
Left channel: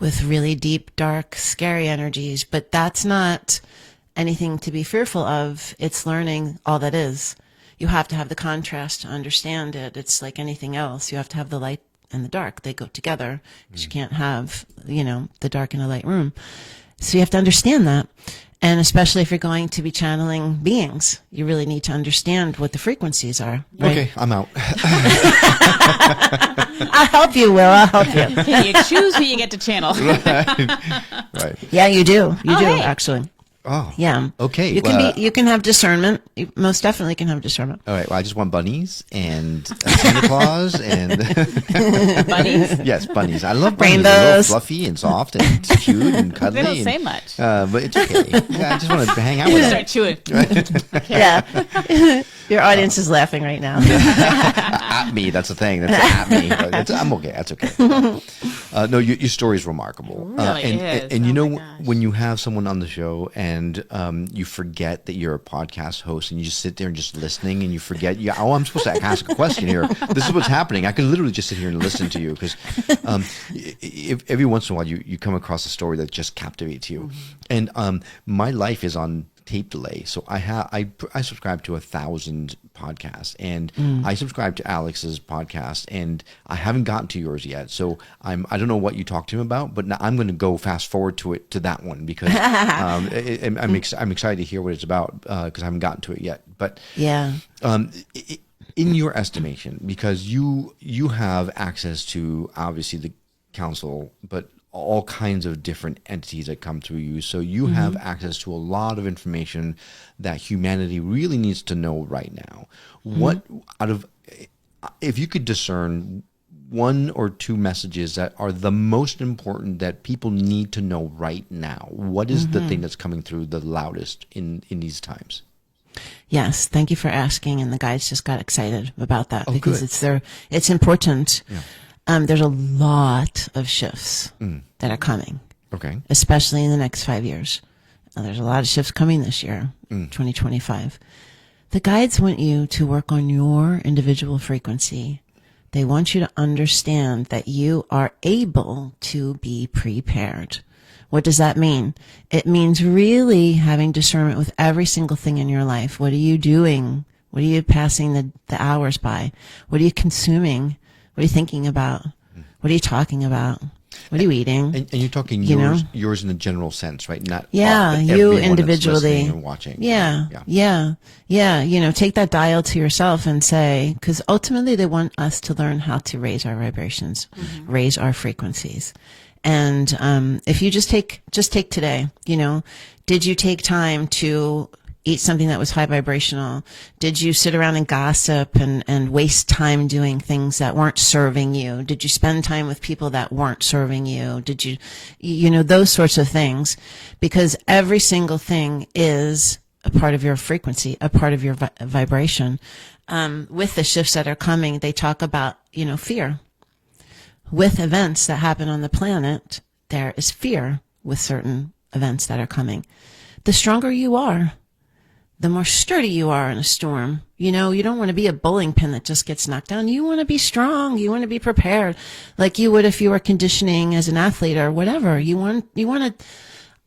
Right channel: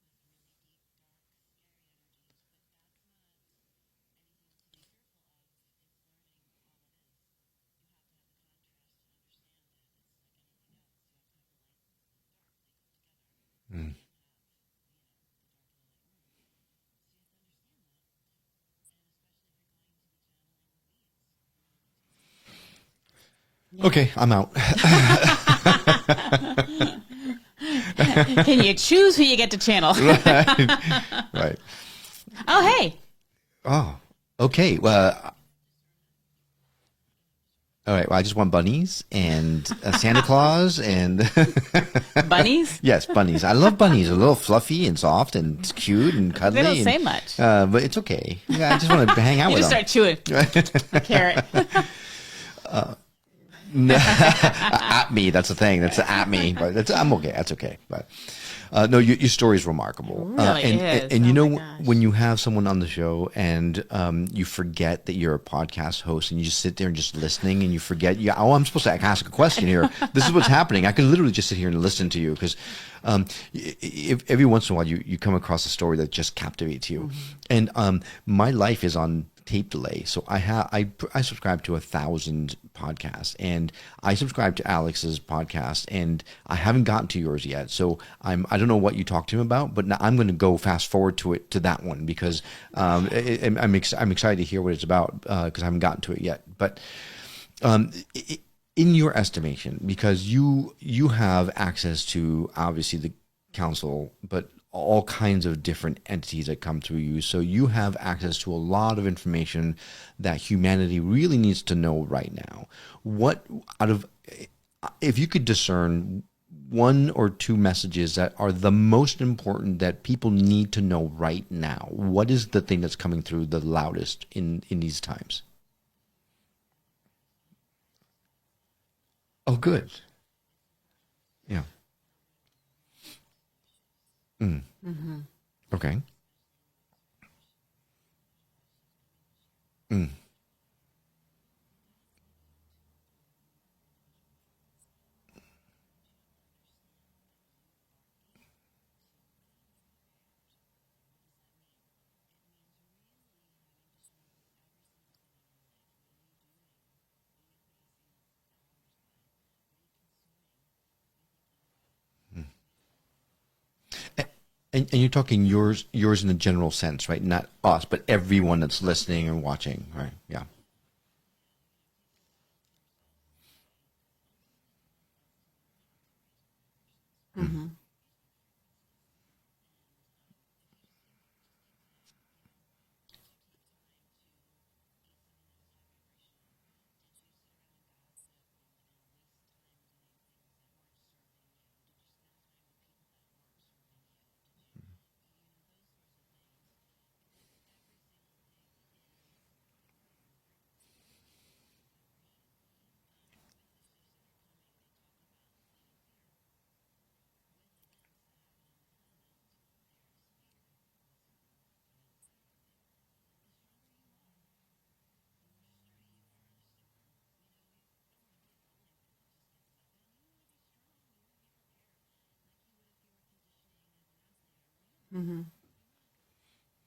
with really deep, dark, scary energies, but that's not anything to be fearful of. It's learning all that is. You have to have the contrast to understand it. It's like anything else. You have to have the light and the dark. They go together. You can't have, the dark in a light room. So you have to understand that. And especially if you're going to be channeling beings, you really need to understand what the frequencies are. Right? Okay, I'm out. I'll help you, Will. I'll help you. Can you choose who you get to channel? Right. Yeah, you do. You do, hey. actually. Oh. Yeah. Okay. You can have discernment. You most definitely can have discernment. All right. Well, I just want bunnies and Santa Claus and bunnies. Yes, bunnies. I love bunnies. They're a little Rainbows. fluffy and soft and cute and cuddly. They don't say much. But it's okay. Yeah, I just want to hang out You with just them. start chewing. Yeah. Your audience is laughing right now. At me. That's the thing. That's at me. But I'm okay. That's okay. No, your story is remarkable. Really is. And Oh my gosh. when you have someone on the show and you forget that you're a podcast host and you just sit there and just listening and you forget, I'm supposed to ask a question here. This is what's happening. I could literally just sit here and listen to you because if every once in a while you come across a story that just captivates you. Mm-hmm. And my life is on tape delay. So I subscribe to 1,000 podcasts, and I subscribe to Alex's podcast, and I haven't gotten to yours yet. So I don't know what you talked to him about, but now I'm going to go fast forward to that one because I'm excited to hear what it's about because I haven't gotten to it yet. But Yeah. In your estimation, because you have access to obviously the council, but all kinds of different entities that come through you. So you have access to a lot of information that humanity really needs to know right now. What if you could discern one or two messages that are the most important that people need to know right now, what is the thing that's coming through the loudest in these times? Yes, thank you for asking, and the guys just got excited about that good. it's important. Yeah. There's a lot of shifts that are coming, Okay. especially in the next 5 years. There's a lot of shifts coming this year, 2025. The guides want you to work on your individual frequency. They want you to understand that you are able to be prepared. What does that mean? It means really having discernment with every single thing in your life. What are you doing? What are you passing the hours by? What are you consuming? What are you thinking about? What are you talking about? What are you eating? And you're talking yours in the general sense, right? Not Yeah, us, but you everyone that's individually. listening and watching. Yeah. Take that dial to yourself and say, because ultimately they want us to learn how to raise our vibrations, raise our frequencies. And if you just take today, did you take time to eat something that was high vibrational? Did you sit around and gossip and waste time doing things that weren't serving you? Did you spend time with people that weren't serving you? Did you, those sorts of things? Because every single thing is a part of your frequency, a part of your vibration. With the shifts that are coming, they talk about, fear. with events that happen on the planet, there is fear with certain events that are coming. The stronger you are, the more sturdy you are in a storm. You know, you don't want to be a bowling pin that just gets knocked down. You want to be strong. You want to be prepared, like you would if you were conditioning as an athlete or whatever. You want to,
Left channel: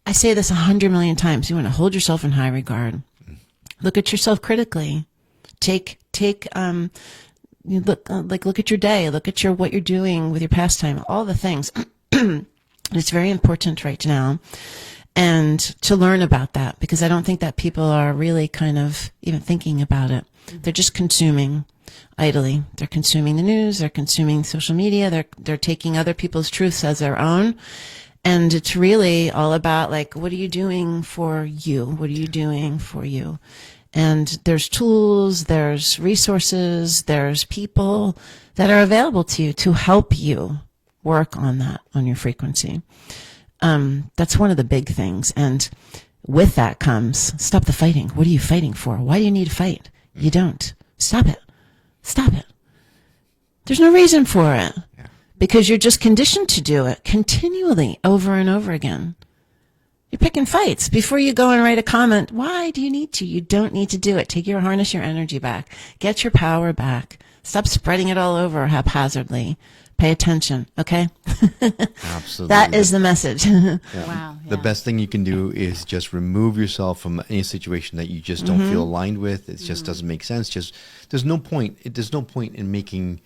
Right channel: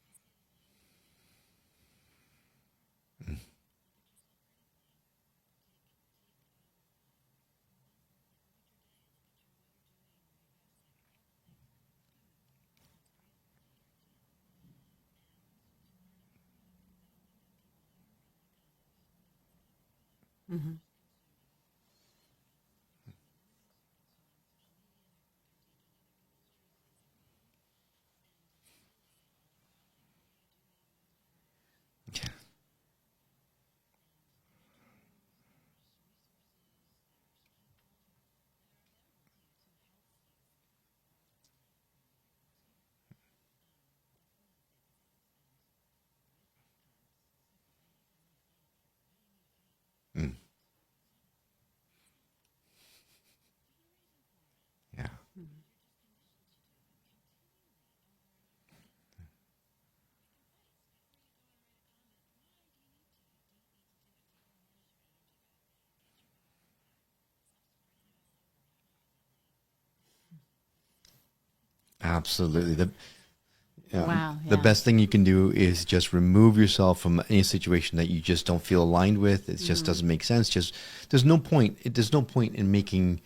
I say this 100 million times, you want to hold yourself in high regard. Look at yourself critically. Look at your day. Look at what you're doing with your pastime, all the things. It's very important right now. And to learn about that, because I don't think that people are really kind of even thinking about it. They're just consuming idly. They're consuming the news. They're consuming social media. They're taking other people's truths as their own. And it's really all about, like, what are you doing for you? What are you doing for you? And there's tools, there's resources, there's people that are available to you to help you work on that, on your frequency. That's one of the big things. And with that comes, stop the fighting. What are you fighting for? Why do you need to fight? You don't. Stop it. Stop it. There's no reason for it. Yeah. Because you're just conditioned to do it continually over and over again. You're picking fights. Before you go and write a comment, why do you need to? You don't need to do it. Harness your energy back. Get your power back. Stop spreading it all over haphazardly. Pay attention, okay? Absolutely. That is the message. Yeah. Wow. The best thing you can do is just remove yourself from any situation that you just don't feel aligned with. It just doesn't make sense. There's no point in making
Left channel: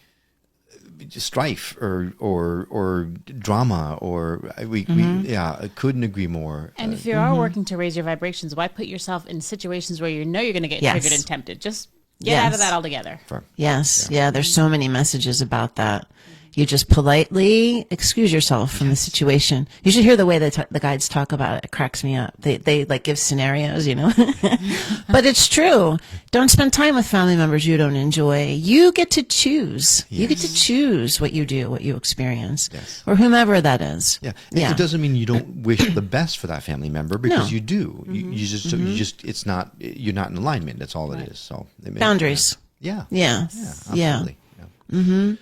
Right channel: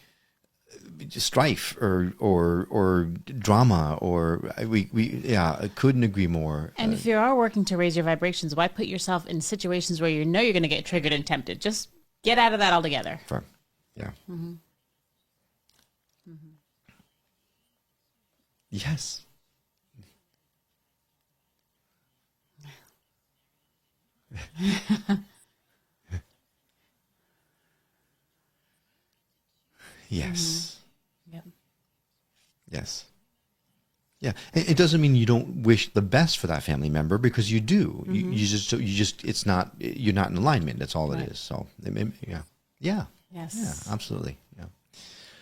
strife or drama I couldn't agree more. And if you are working to raise your vibrations, why put yourself in situations where you know you're going to get triggered and tempted? Just get out of that altogether. Yes. Yeah. There's so many messages about that. You just politely excuse yourself from the situation. You should hear the way the guides talk about it. It cracks me up. They like give scenarios, you know. But it's true. Don't spend time with family members you don't enjoy. You get to choose. Yes. You get to choose what you do, what you experience. Yes. Or whomever that is. Yeah. It doesn't mean you don't wish the best for that family member, because No. you do. It's not, you're not in alignment. That's all it is. So Boundaries. Yeah. Yeah. Absolutely. Yeah.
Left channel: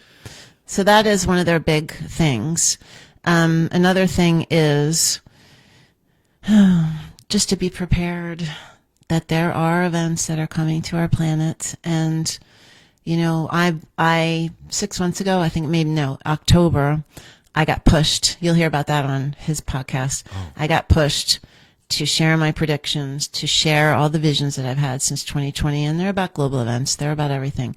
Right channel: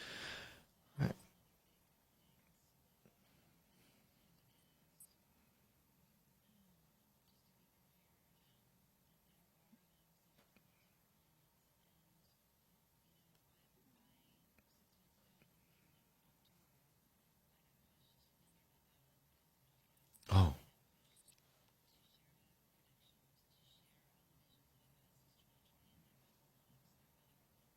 So that is one of their big things. Another thing is just to be prepared that there are events that are coming to our planet. And, you know, I 6 months ago, October, I got pushed. You'll hear about that on his podcast. Oh. I got pushed to share my predictions, to share all the visions that I've had since 2020. And they're about global events. They're about everything.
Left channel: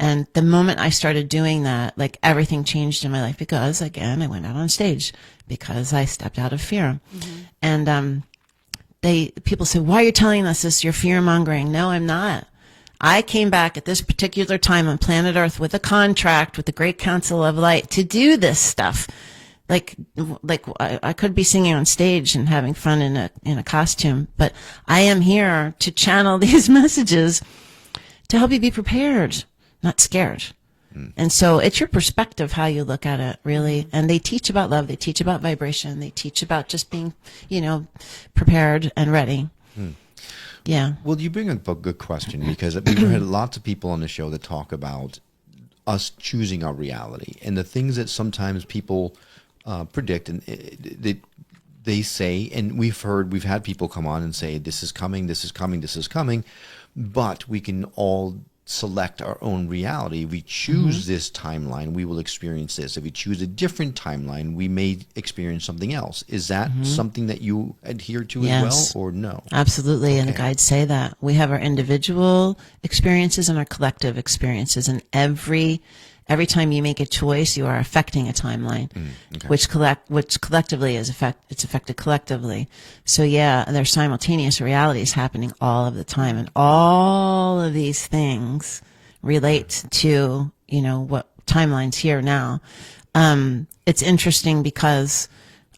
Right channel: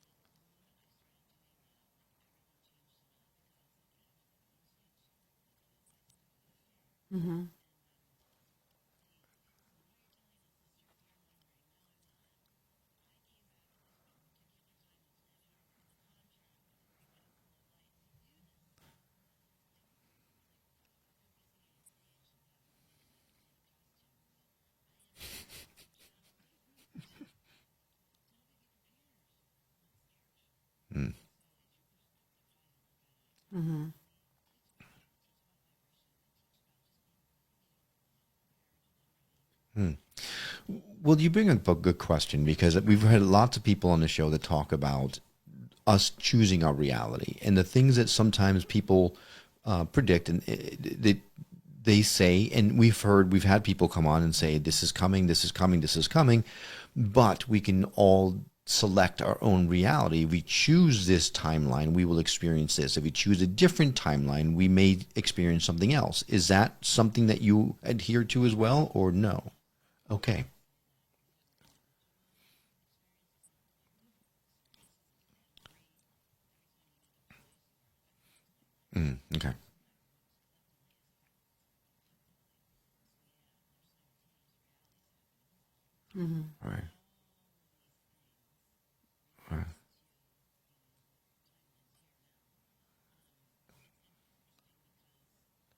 And the moment I started doing that, like, everything changed in my life, because, again, I went out on stage because I stepped out of fear. And people say, why are you telling us this? You're fear mongering. No, I'm not. I came back at this particular time on planet Earth with a contract with the Great Council of Light to do this stuff. Like I could be singing on stage and having fun in a costume, but I am here to channel these messages to help you be prepared, not scared. And so it's your perspective, how you look at it, really. And they teach about love. They teach about vibration. They teach about just being, prepared and ready. Yeah. Well, you bring up a good question, because we've had lots of people on the show that talk about us choosing our reality, and the things that sometimes people predict, and they say, and we've had people come on and say, this is coming, this is coming, this is coming, but we can all select our own reality. If we choose this timeline, we will experience this. If we choose a different timeline, we may experience something else. Is that something that you adhere to as well, or no? Absolutely. Okay. And the guides say that. We have our individual experiences and our collective experiences. And every time you make a choice, you are affecting a timeline, which collectively is it's affected collectively. So yeah, there's simultaneous realities happening all of the time, and all of these things relate to what timelines here now. It's interesting because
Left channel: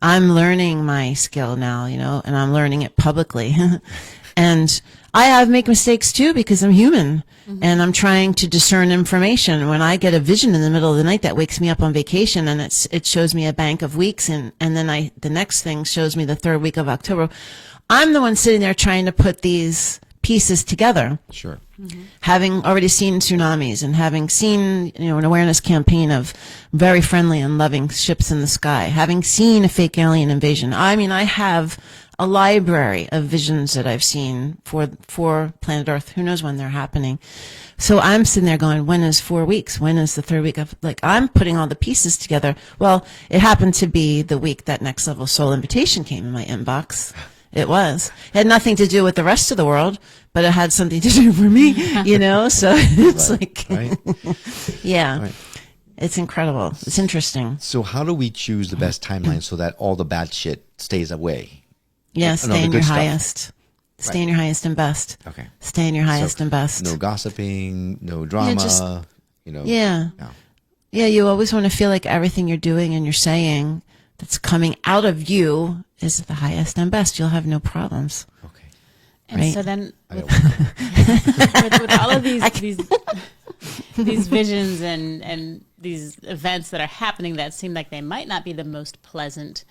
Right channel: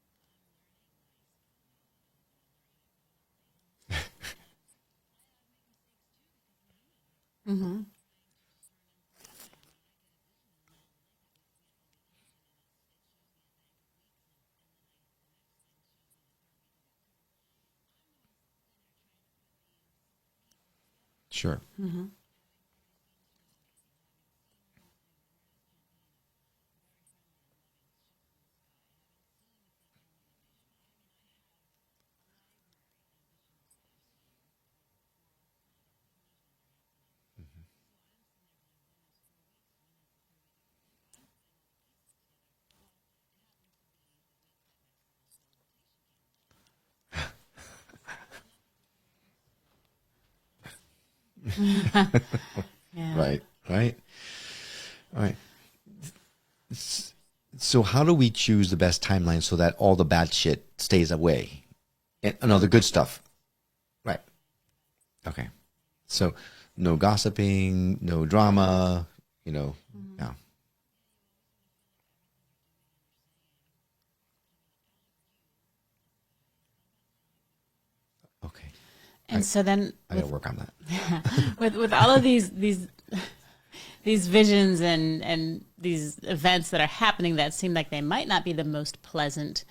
I'm learning my skill now, and I'm learning it publicly, and I make mistakes too, because I'm human. And I'm trying to discern information. When I get a vision in the middle of the night that wakes me up on vacation, and it shows me a bank of weeks, and then the next thing shows me the third week of October, I'm the one sitting there trying to put these pieces together. Sure. Having already seen tsunamis and having seen, an awareness campaign of very friendly and loving ships in the sky, having seen a fake alien invasion. I mean, I have a library of visions that I've seen for planet Earth. Who knows when they're happening? So I'm sitting there going, when is 4 weeks? When is the third week of, I'm putting all the pieces together. Well, it happened to be the week that Next Level Soul invitation came in my inbox. It was. It had nothing to do with the rest of the world, but it had something to do for me, So it's Right. yeah. Right. It's incredible. It's interesting. So how do we choose the best timeline so that all the bad shit stays away? Yeah, And all stay the in good your stuff. highest. Stay Right. in your highest and best. Okay. Stay in your highest and best. No gossiping, no drama, Yeah. No. Yeah, you always want to feel like everything you're doing and you're saying that's coming out of you is the highest and best. You'll have no problems. Okay. And Right. so then I gotta work on that. with all of these visions and these events that are happening that seem like they might not be the most pleasant,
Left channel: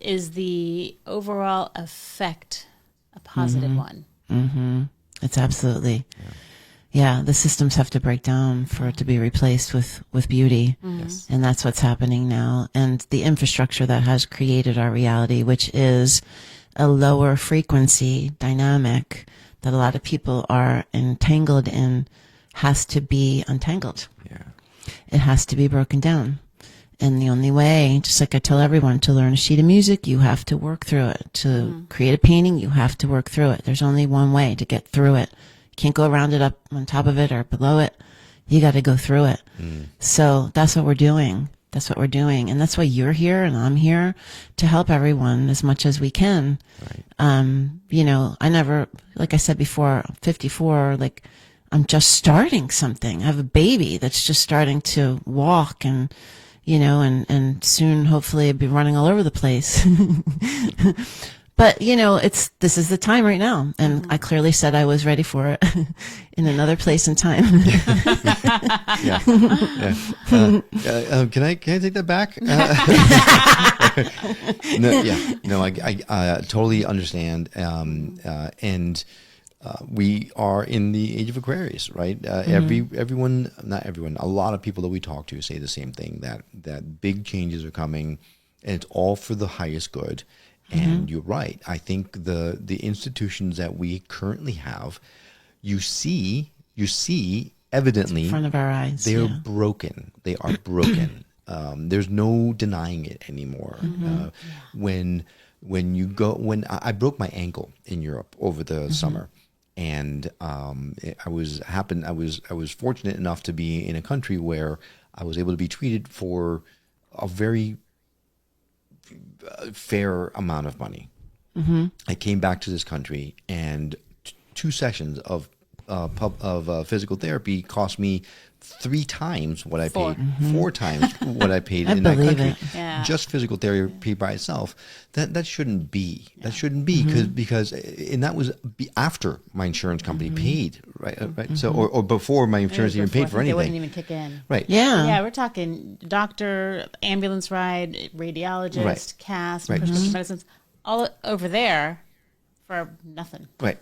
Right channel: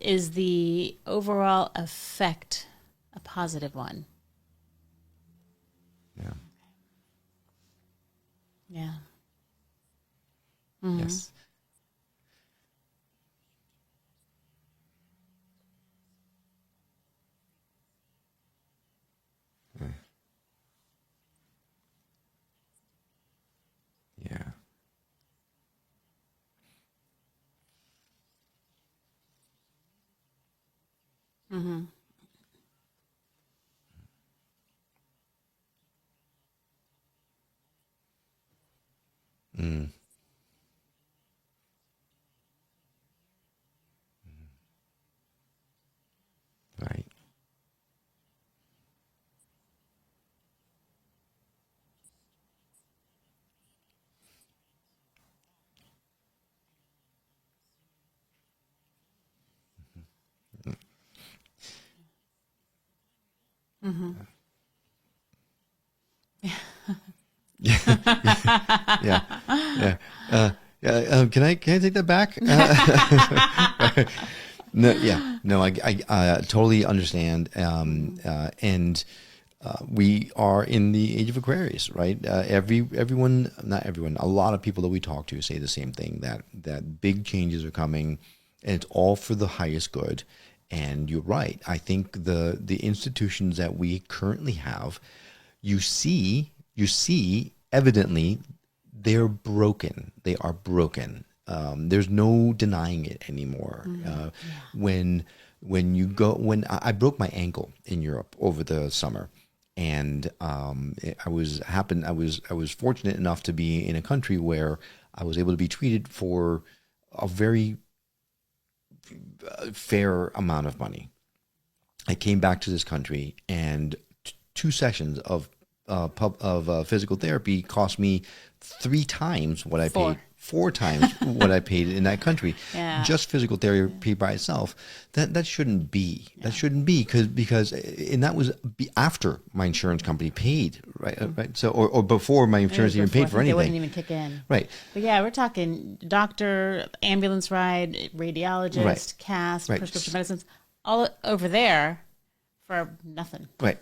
is the overall effect a positive one? Mm-hmm. It's absolutely. Yeah, the systems have to break down for it to be replaced with beauty. Yes. And that's what's happening now. And the infrastructure that has created our reality, which is a lower frequency dynamic that a lot of people are entangled in, has to be untangled. Yeah. It has to be broken down. And the only way, just like I tell everyone, to learn a sheet of music, you have to work through it. To create a painting, you have to work through it. There's only one way to get through it. You can't go around it, up on top of it, or below it. You got to go through it. So that's what we're doing. That's what we're doing. And that's why you're here and I'm here to help everyone as much as we can. Right. I never, like I said before, I'm 54, I'm just starting something. I have a baby that's just starting to walk and soon hopefully I'll be running all over the place. But, this is the time right now. And I clearly said I was ready for it in another place and time. Yeah. Can I take that back? No, I totally understand. We are in the age of Aquarius, right? Everyone, not everyone, a lot of people that we talk to say the same thing, that big changes are coming and it's all for the highest good. And you're right. I think the institutions that we currently have, you see evidently In front of our eyes. they're broken. They are broken. There's no denying it anymore. When I broke my ankle in Europe over the summer, and I was fortunate enough to be in a country where I was able to be treated for a very fair amount of money. I came back to this country, and 2 sessions of physical therapy cost me 3 times what I paid, 4 times what I paid in that country. Yeah. Just physical therapy by itself. That shouldn't be. That shouldn't be because and that was after my insurance company paid, right? Right. So or before my insurance even paid for They wouldn't anything. even kick in. Right. Yeah. Yeah, we're talking doctor, ambulance ride, radiologist, Right. cast, Right. prescription medicines, all over there for nothing. Right.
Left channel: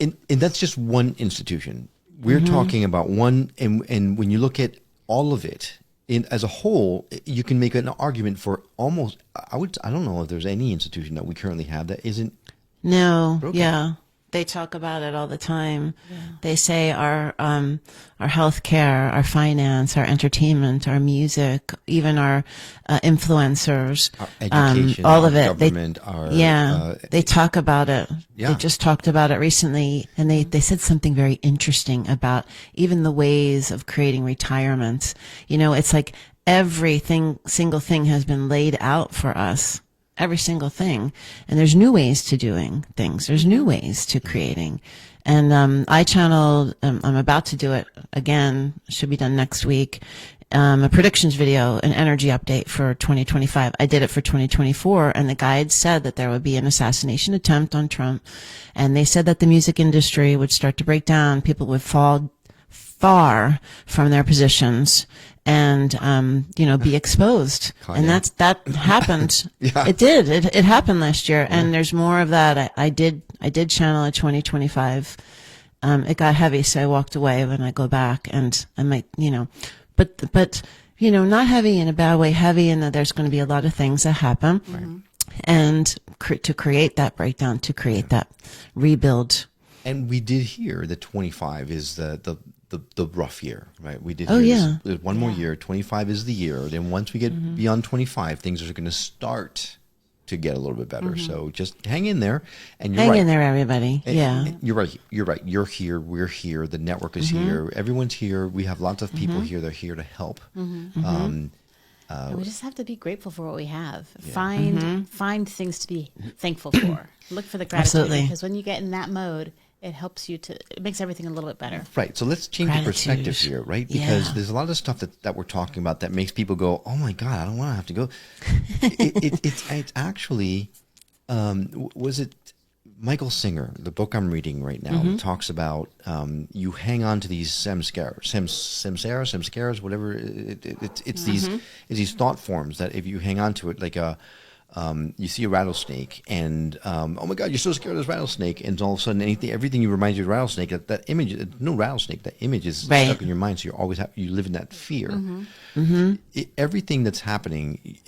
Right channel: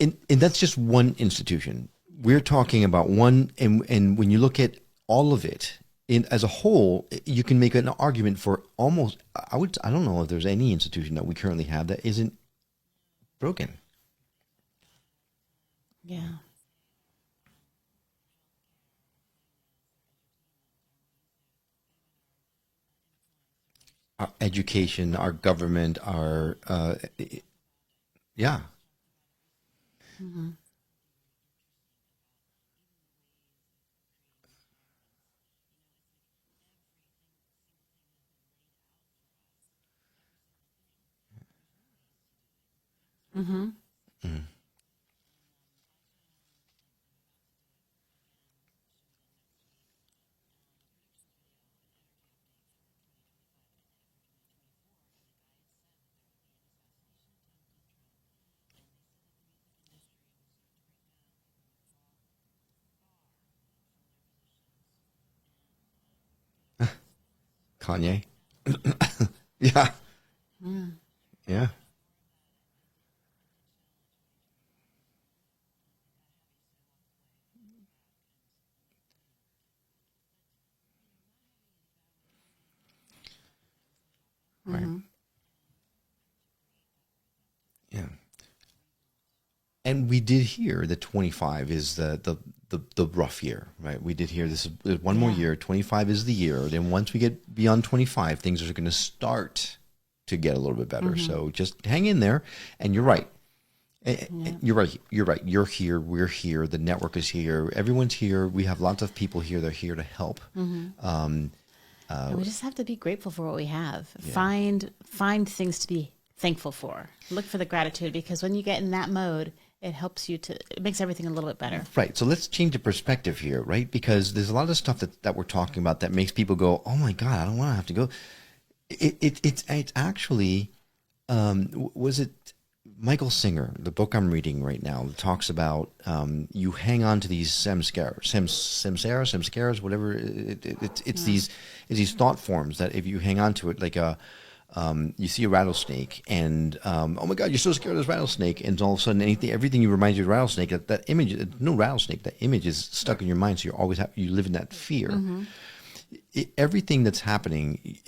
And that's just one institution. We're talking about one, and when you look at all of it as a whole, you can make an argument for almost, I don't know if there's any institution that we currently have that isn't No. broken. Yeah. They talk about it all the time. Yeah. They say our healthcare, our finance, our entertainment, our music, even our influencers, our education, all our of it. government, They talk about it. Yeah. They just talked about it recently, and they said something very interesting about even the ways of creating retirements. It's like single thing has been laid out for us. Every single thing. And there's new ways to doing things. There's new ways to creating. And I channeled, I'm about to do it again, should be done next week, a predictions video, an energy update for 2025. I did it for 2024, and the guides said that there would be an assassination attempt on Trump. And they said that the music industry would start to break down. People would fall far from their positions and be exposed. Kanye. And that happened. Yeah. It did. It happened last year. And there's more of that. I did I did channel a 2025. It got heavy, so I walked away. When I go back, and I might, but not heavy in a bad way, heavy in that there's going to be a lot of things that happen. Mm-hmm. And to create that breakdown, to create that rebuild. And we did hear that 25 is the rough year, right? We did hear there's one more year. 25 is the year. Then once we get beyond 25, things are going to start to get a little bit better. So just hang in there. And you're right. Hang in there, everybody. You're right. You're right. You're here. We're here. The network is here. Everyone's here. We have lots of people here. They're here to help. We just have to be grateful for what we have. Find things to be thankful for. Look for the gratitude. Absolutely. Because when you get in that mode, it helps you it makes everything a little bit better. Right. So let's change the perspective here, right? Because there's a lot of stuff that we're talking about that makes people go, oh my God, I don't want to have to go. It's actually, was it Michael Singer, the book I'm reading right now, talks about you hang on to these samskaras, whatever. It's these thought forms that if you hang on to it, like you see a rattlesnake, and oh my God, you're so scared of this rattlesnake, and all of a sudden everything you reminds you of rattlesnake. That image, no rattlesnake. That image is stuck in your mind, so you always you live in that fear. Everything that's happening,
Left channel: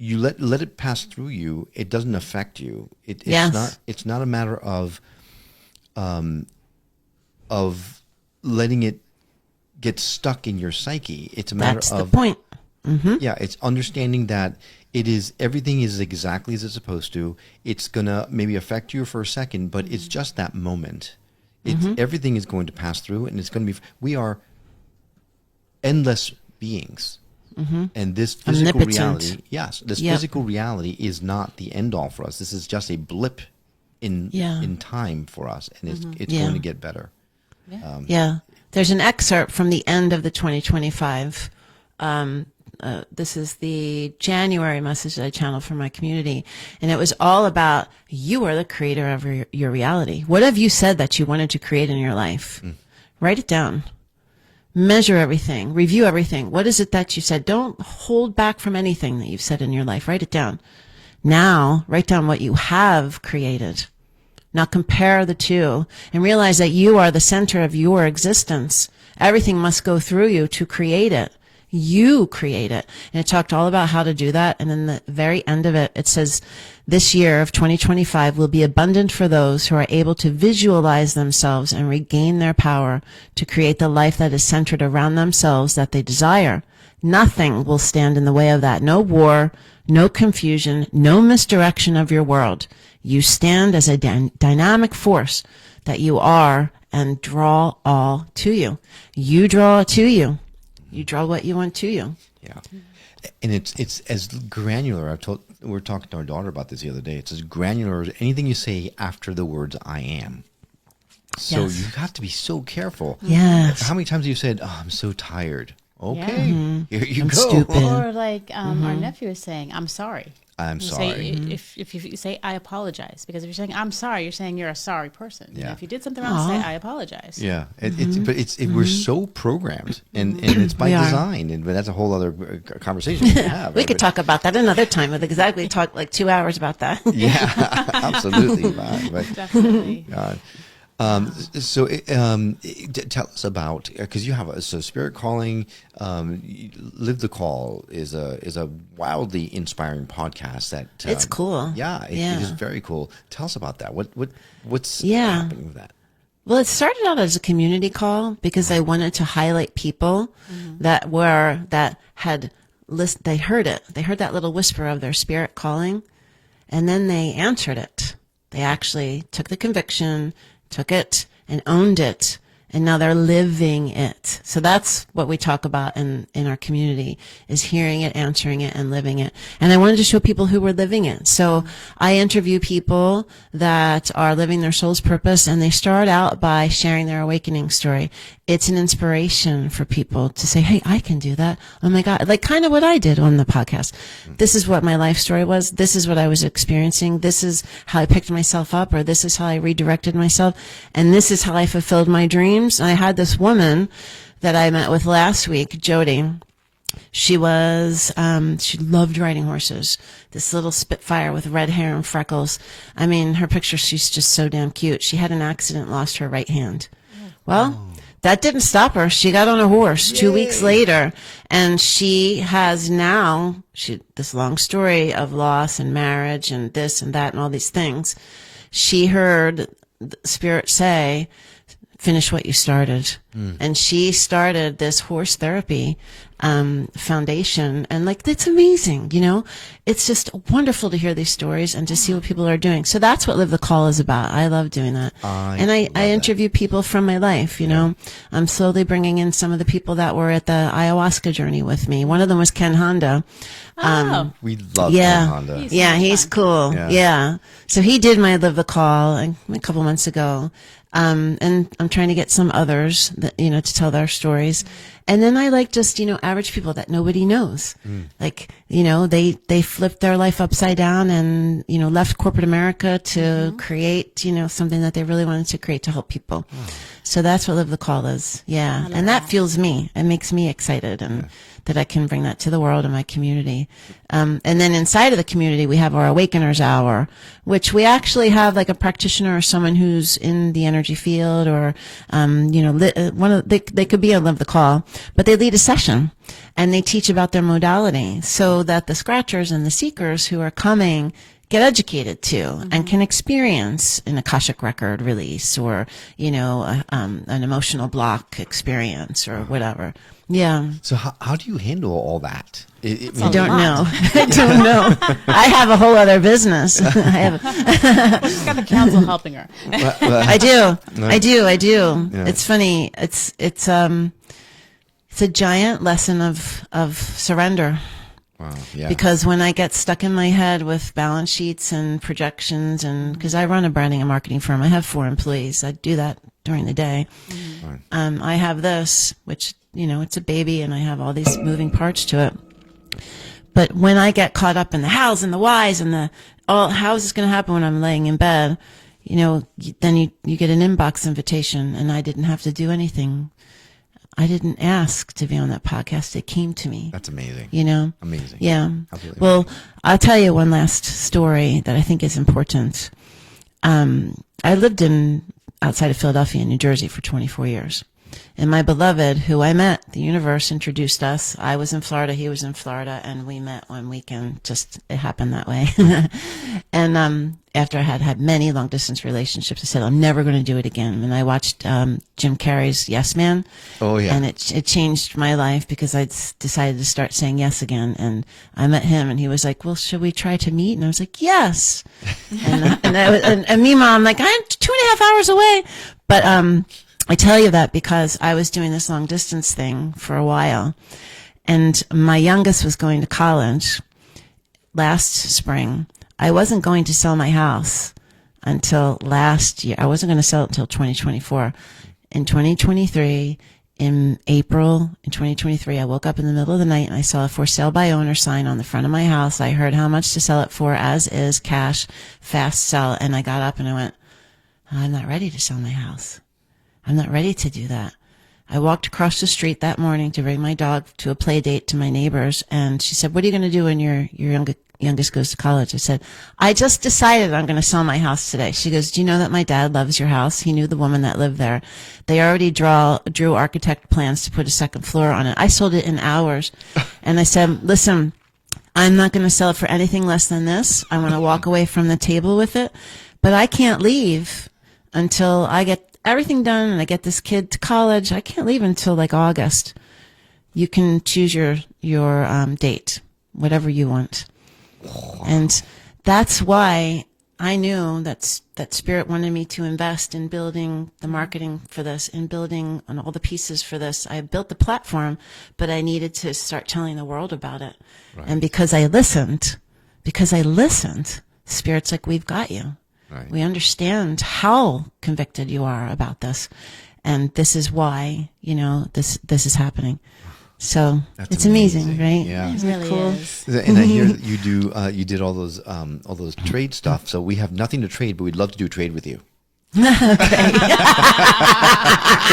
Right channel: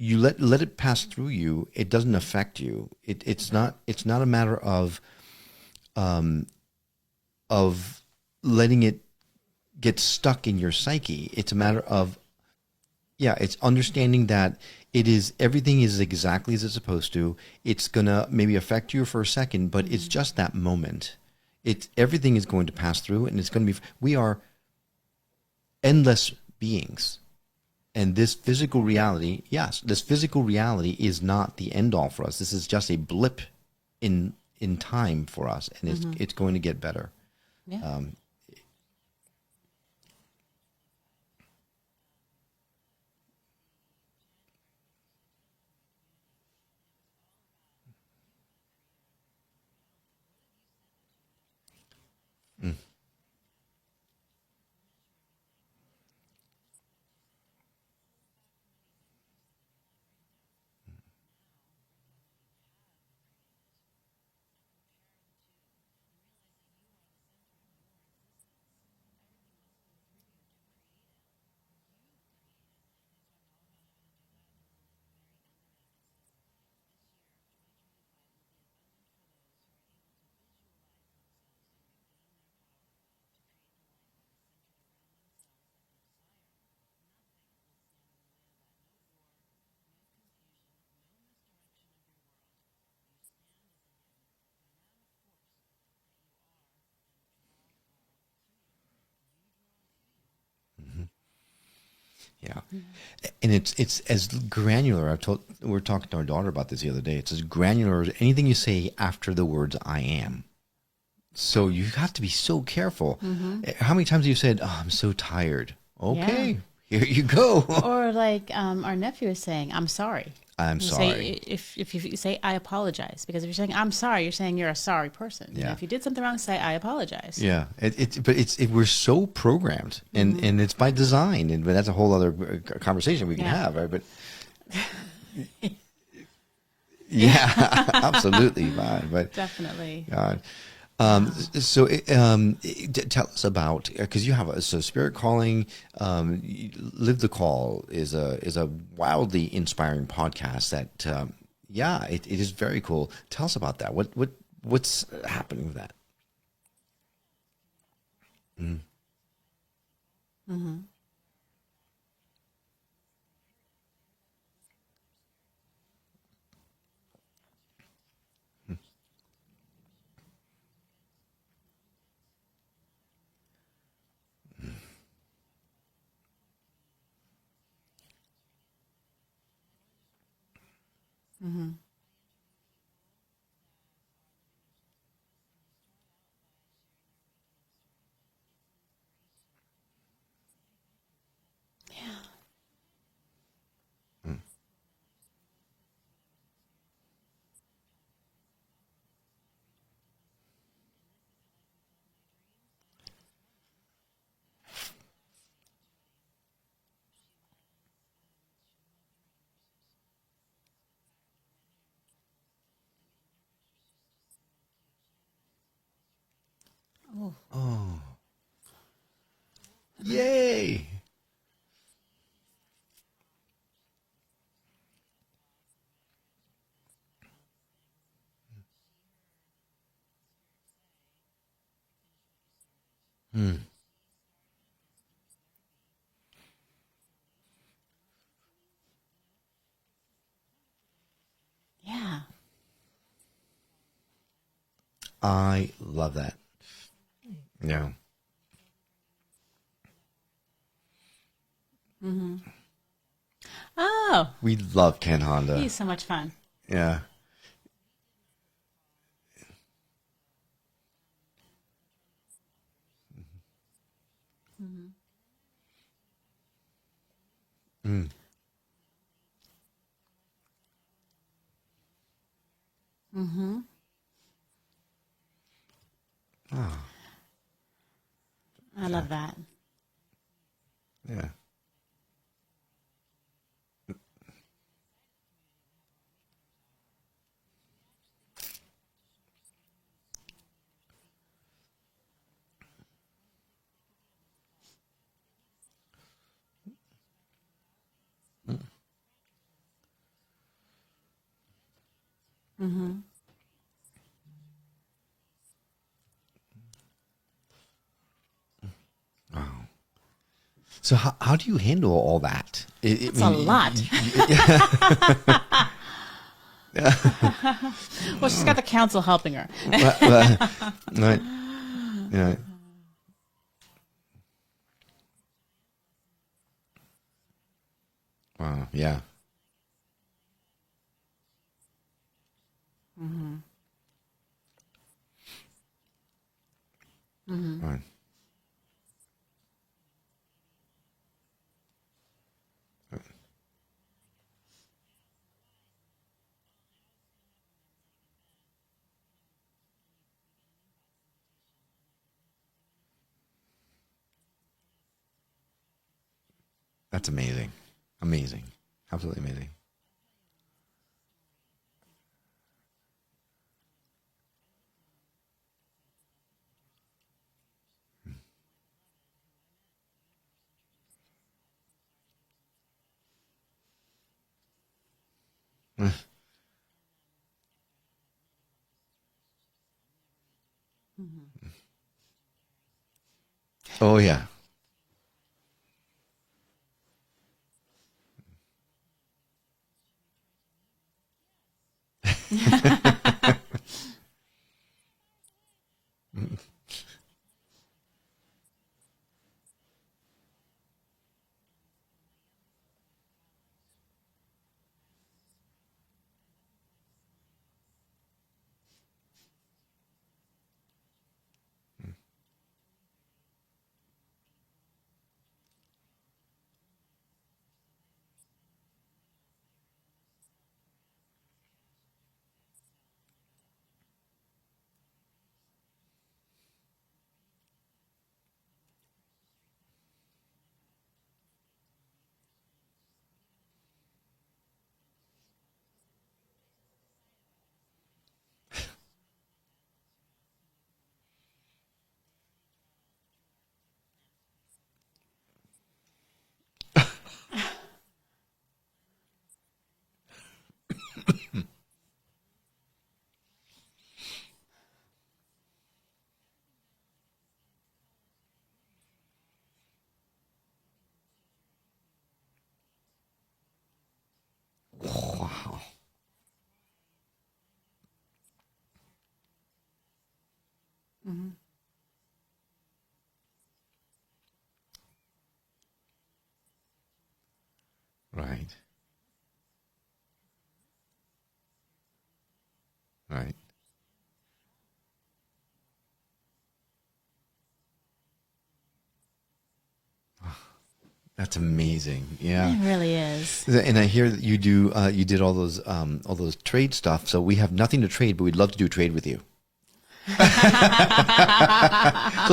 you let it pass through you. It doesn't affect you. It's not a matter of letting it get stuck in your psyche. It's a matter That's of the point. Yeah, it's understanding that everything is exactly as it's supposed to. It's gonna maybe affect you for a second, but it's just that moment. Everything is going to pass through, and it's going to be. We are endless beings. And this physical reality, physical reality is not the end all for us. This is just a blip in time for us, and it's going to get better. There's an excerpt from the end of the 2025. This is the January message that I channeled for my community, and it was all about you are the creator of your reality. What have you said that you wanted to create in your life? Write it down. Measure everything. Review everything. What is it that you said? Don't hold back from anything that you've said in your life. Write it down. Now, write down what you have created. Now compare the two and realize that you are the center of your existence. Everything must go through you to create it. You create it. And it talked all about how to do that. And then the very end of it, it says, this year of 2025 will be abundant for those who are able to visualize themselves and regain their power to create the life that is centered around themselves that they desire. Nothing will stand in the way of that. No war, no confusion, no misdirection of your world. You stand as a dynamic force that you are and draw all to you. You draw it to you. You draw what you want to you. Yeah. And it's as granular. We were talking to our daughter about this the other day. It's as granular as anything you say after the words I am. So you have to be so careful. Yes. How many times have you said, oh, I'm so tired? Okay, here you go. Or like our nephew is saying, I'm sorry. I'm sorry. If you say, I apologize. Because if you're saying, I'm sorry, you're saying you're a sorry person. Yeah. If you did something wrong, say, I apologize. Yeah. We're so programmed, and it's by design. But that's a whole other conversation we can have. We could talk about that another time. With exactly talk like 2 hours about that. Yeah, absolutely. Definitely. So tell us about, because you have a spirit calling. Live the Call is a wildly inspiring podcast that it's cool. Yeah, it is very cool. Tell us about that. What's happening with that? Well, it started out as a community call because I wanted to highlight people that had listened. They heard it. They heard that little whisper of their spirit calling, and then they answered it. They actually took the conviction, took it and owned it, and now they're living it. So that's what we talk about in our community, is hearing it, answering it, and living it. And I wanted to show people who were living it. So I interview people that are living their soul's purpose, and they start out by sharing their awakening story. It's an inspiration for people to say, hey, I can do that. Oh my God. Like kind of what I did on the podcast. This is what my life story was. This is what I was experiencing. This is how I picked myself up, or this is how I redirected myself. And this is how I fulfilled my dreams. And I had this woman that I met with last week, Jody, She was, she loved riding horses. This little Spitfire with red hair and freckles. I mean, her picture, she's just so damn cute. She had an accident, lost her right hand. Well, that didn't stop her. She got on a horse 2 weeks later, and she has now, this long story of loss and marriage and this and that and all these things. She heard the Spirit say, finish what you started. And she started this horse therapy foundation, and like, that's amazing. It's just wonderful to hear these stories and to see what people are doing. So that's what Live the Call is about. I love doing that. I interview people from my life. I'm slowly bringing in some of the people that were at the ayahuasca journey with me. One of them was Ken Honda. We love Ken Honda. He's cool. Yeah. So he did my Live the Call a couple months ago. And I'm trying to get some others that, to tell their stories. And then I like just, average people that nobody knows. Like, they flipped their life upside down and, left corporate America to create, something that they really wanted to create to help people. So that's what Live the Call is. Yeah. And that fuels me. It makes me excited and that I can bring that to the world and my community. And then inside of the community, we have our Awakeners Hour, which we actually have like a practitioner or someone who's in the energy field or, they could be on Live the Call, but they lead a session and they teach about their modality so that the scratchers and the seekers who are coming get educated too and can experience an Akashic record release or, an emotional block experience or whatever. Yeah. So how do you handle all that? I don't know. I don't know. I have a whole other business. Well, she's got the council helping her. I do. Yeah. It's funny. It's a giant lesson of surrender. Wow. Yeah. Because when I get stuck in my head with balance sheets and projections, and because I run a branding and marketing firm, I have 4 employees. I do that during the day. I have this, which it's a baby, and I have all these moving parts to it. But when I get caught up in the hows and the whys and how is this going to happen when I'm laying in bed, then you get an inbox invitation, and I didn't have to do anything. I didn't ask to be on that podcast. It came to me. That's amazing. Amazing. Yeah. Absolutely well, amazing. I'll tell you one last story that I think is important. I lived outside of Philadelphia in New Jersey for 24 years. And my beloved, who I met, the universe introduced us. I was in Florida, he was in Florida, and we met one weekend. Just, it happened that way. And after I had many long-distance relationships, I said, I'm never going to do it again. And I watched Jim Carrey's Yes Man. Oh, yeah. And it changed my life because I decided to start saying yes again. And I met him, and he was like, well, should we try to meet? And I was like, yes. and meanwhile, I'm like, I'm 2.5 hours away. But I tell you that because I was doing this long distance thing for a while, and my youngest was going to college last spring. I wasn't going to sell my house until last year. I wasn't going to sell it until 2024. In 2023, in April in 2023, I woke up in the middle of the night and I saw a for sale by owner sign on the front of my house. I heard how much to sell it for, as is, cash, fast sell. And I got up and I went, I'm not ready to sell my house. I'm not ready to do that. I walked across the street that morning to bring my dog to a play date to my neighbors, and she said, what are you going to do when your youngest goes to college? I said, I just decided I'm going to sell my house today. She goes, do you know that my dad loves your house? He knew the woman that lived there. They already drew architect plans to put a second floor on it. I sold it in hours. And I said, listen, I'm not going to sell it for anything less than this. I want to walk away from the table with it, but I can't leave until I get everything done and I get this kid to college. I can't leave until like August. You can choose your date, whatever you want. Wow. And that's why I knew that Spirit wanted me to invest in building the marketing for this, in building on all the pieces for this. I built the platform, but I needed to start telling the world about it. Right. And because I listened, Spirit's like, we've got you. Right. We understand how convicted you are about this, and this is why this is happening. So it's amazing, right? Yeah, it really is. And I hear that you did all those trade stuff. So we have nothing to trade, but we'd love to do trade with you. So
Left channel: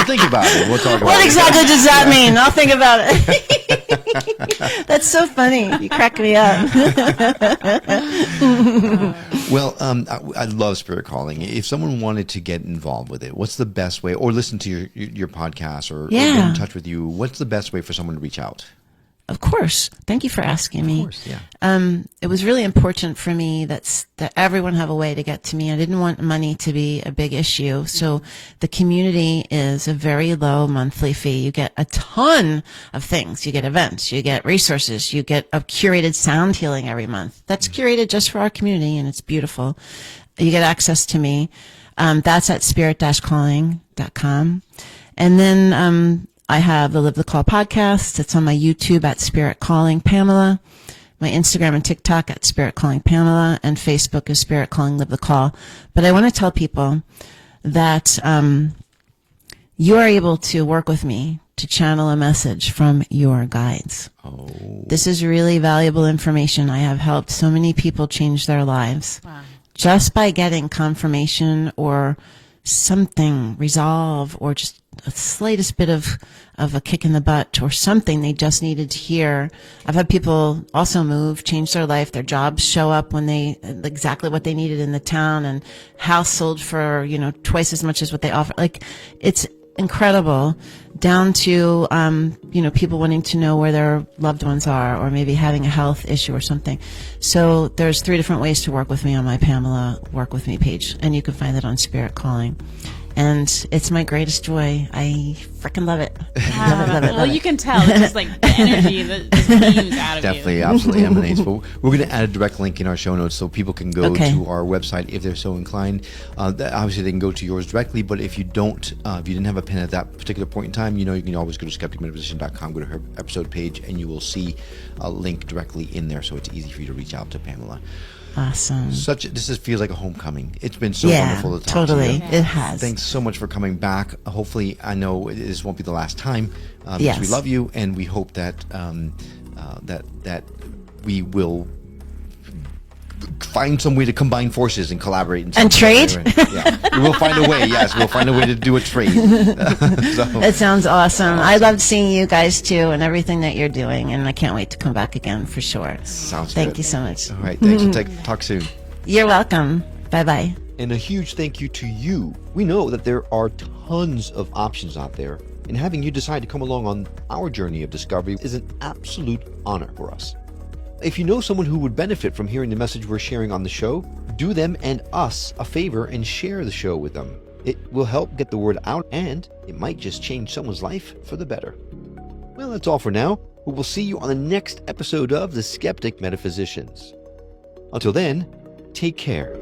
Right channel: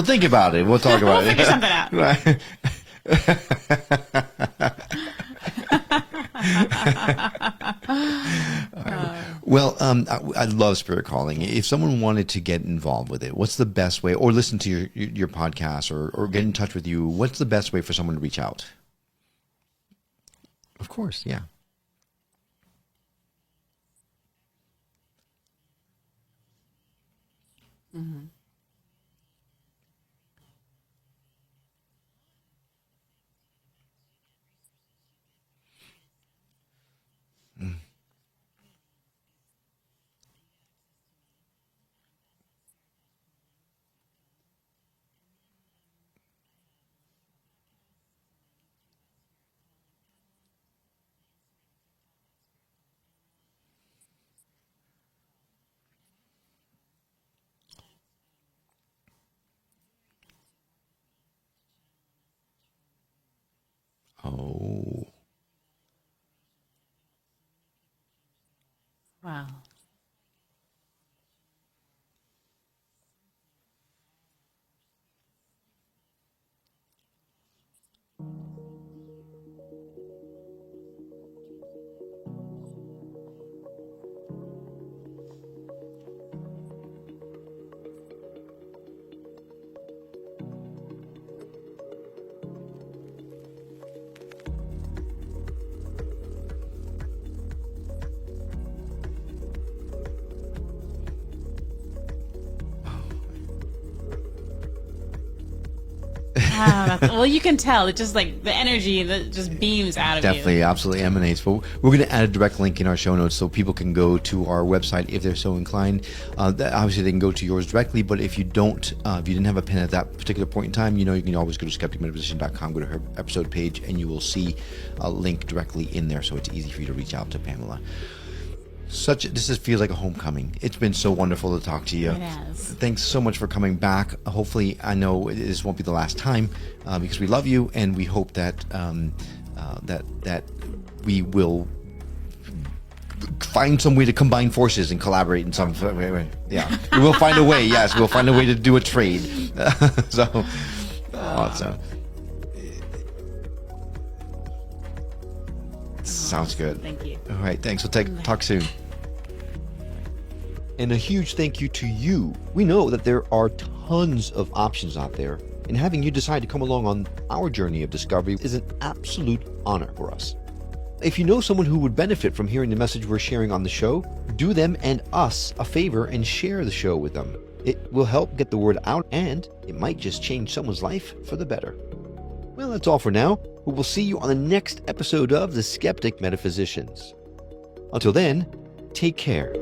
think about it. We'll talk about it. What exactly does that mean? I'll think about it. That's so funny. You crack me up. Well, I love spirit calling. If someone wanted to get involved with it, what's the best way, or listen to your podcast, or get in touch with you? What's the best way for someone to reach out? Of course. Thank you for asking me. Of course, yeah. It was really important for me that everyone have a way to get to me. I didn't want money to be a big issue. So the community is a very low monthly fee. You get a ton of things. You get events, you get resources, you get a curated sound healing every month. That's curated just for our community, and it's beautiful. You get access to me. That's at spirit-calling.com. And then, I have the Live the Call podcast. It's on my YouTube at Spirit Calling Pamela, my Instagram and TikTok at Spirit Calling Pamela, and Facebook is Spirit Calling Live the Call. But I want to tell people that you are able to work with me to channel a message from your guides. Oh. This is really valuable information. I have helped so many people change their lives. Wow. Just by getting confirmation or something, resolve, or just a slightest bit of a kick in the butt or something they just needed to hear. I've had people also move, change their life, their jobs show up when they exactly what they needed in the town, and house sold for, twice as much as what they offer. Like, it's incredible, down to people wanting to know where their loved ones are, or maybe having a health issue or something. So there's 3 different ways to work with me on my Pamela Work With Me page, and you can find that on Spirit Calling. And it's my greatest joy. I freaking love it. Well, you can tell. It's just like the energy that just beams out of Definitely, you. absolutely emanates. But we're going to add a direct link in our show notes so people can go to our website if they're so inclined. Obviously, they can go to yours directly, but if you don't, if you didn't have a pen at that particular point in time, you can always go to skepticmetaphysician.com, go to her episode page, and you will see a link directly in there, so it's easy for you to reach out to Pamela. Awesome. This feels like a homecoming. It's been so wonderful to talk to you. It has. Thanks so much for coming back. Hopefully, I know this won't be the last time, because we love you, and we hope that that we will find some way to combine forces and collaborate and trade. Yeah, we will find a way. Yes, we'll find a way to do a trade. It sounds awesome. I loved seeing you guys too, and everything that you're doing, and I can't wait to come back again for sure. Sounds good. Thank you so much. All right, thanks. We'll talk soon. You're welcome. Bye-bye. And a huge thank you to you. We know that there are tons of options out there, and having you decide to come along on our journey of discovery is an absolute honor for us. If you know someone who would benefit from hearing the message we're sharing on the show, do them and us a favor and share the show with them. It will help get the word out, and it might just change someone's life for the better. Well, that's all for now. We will see you on the next episode of the Skeptic Metaphysicians. Until then, take care.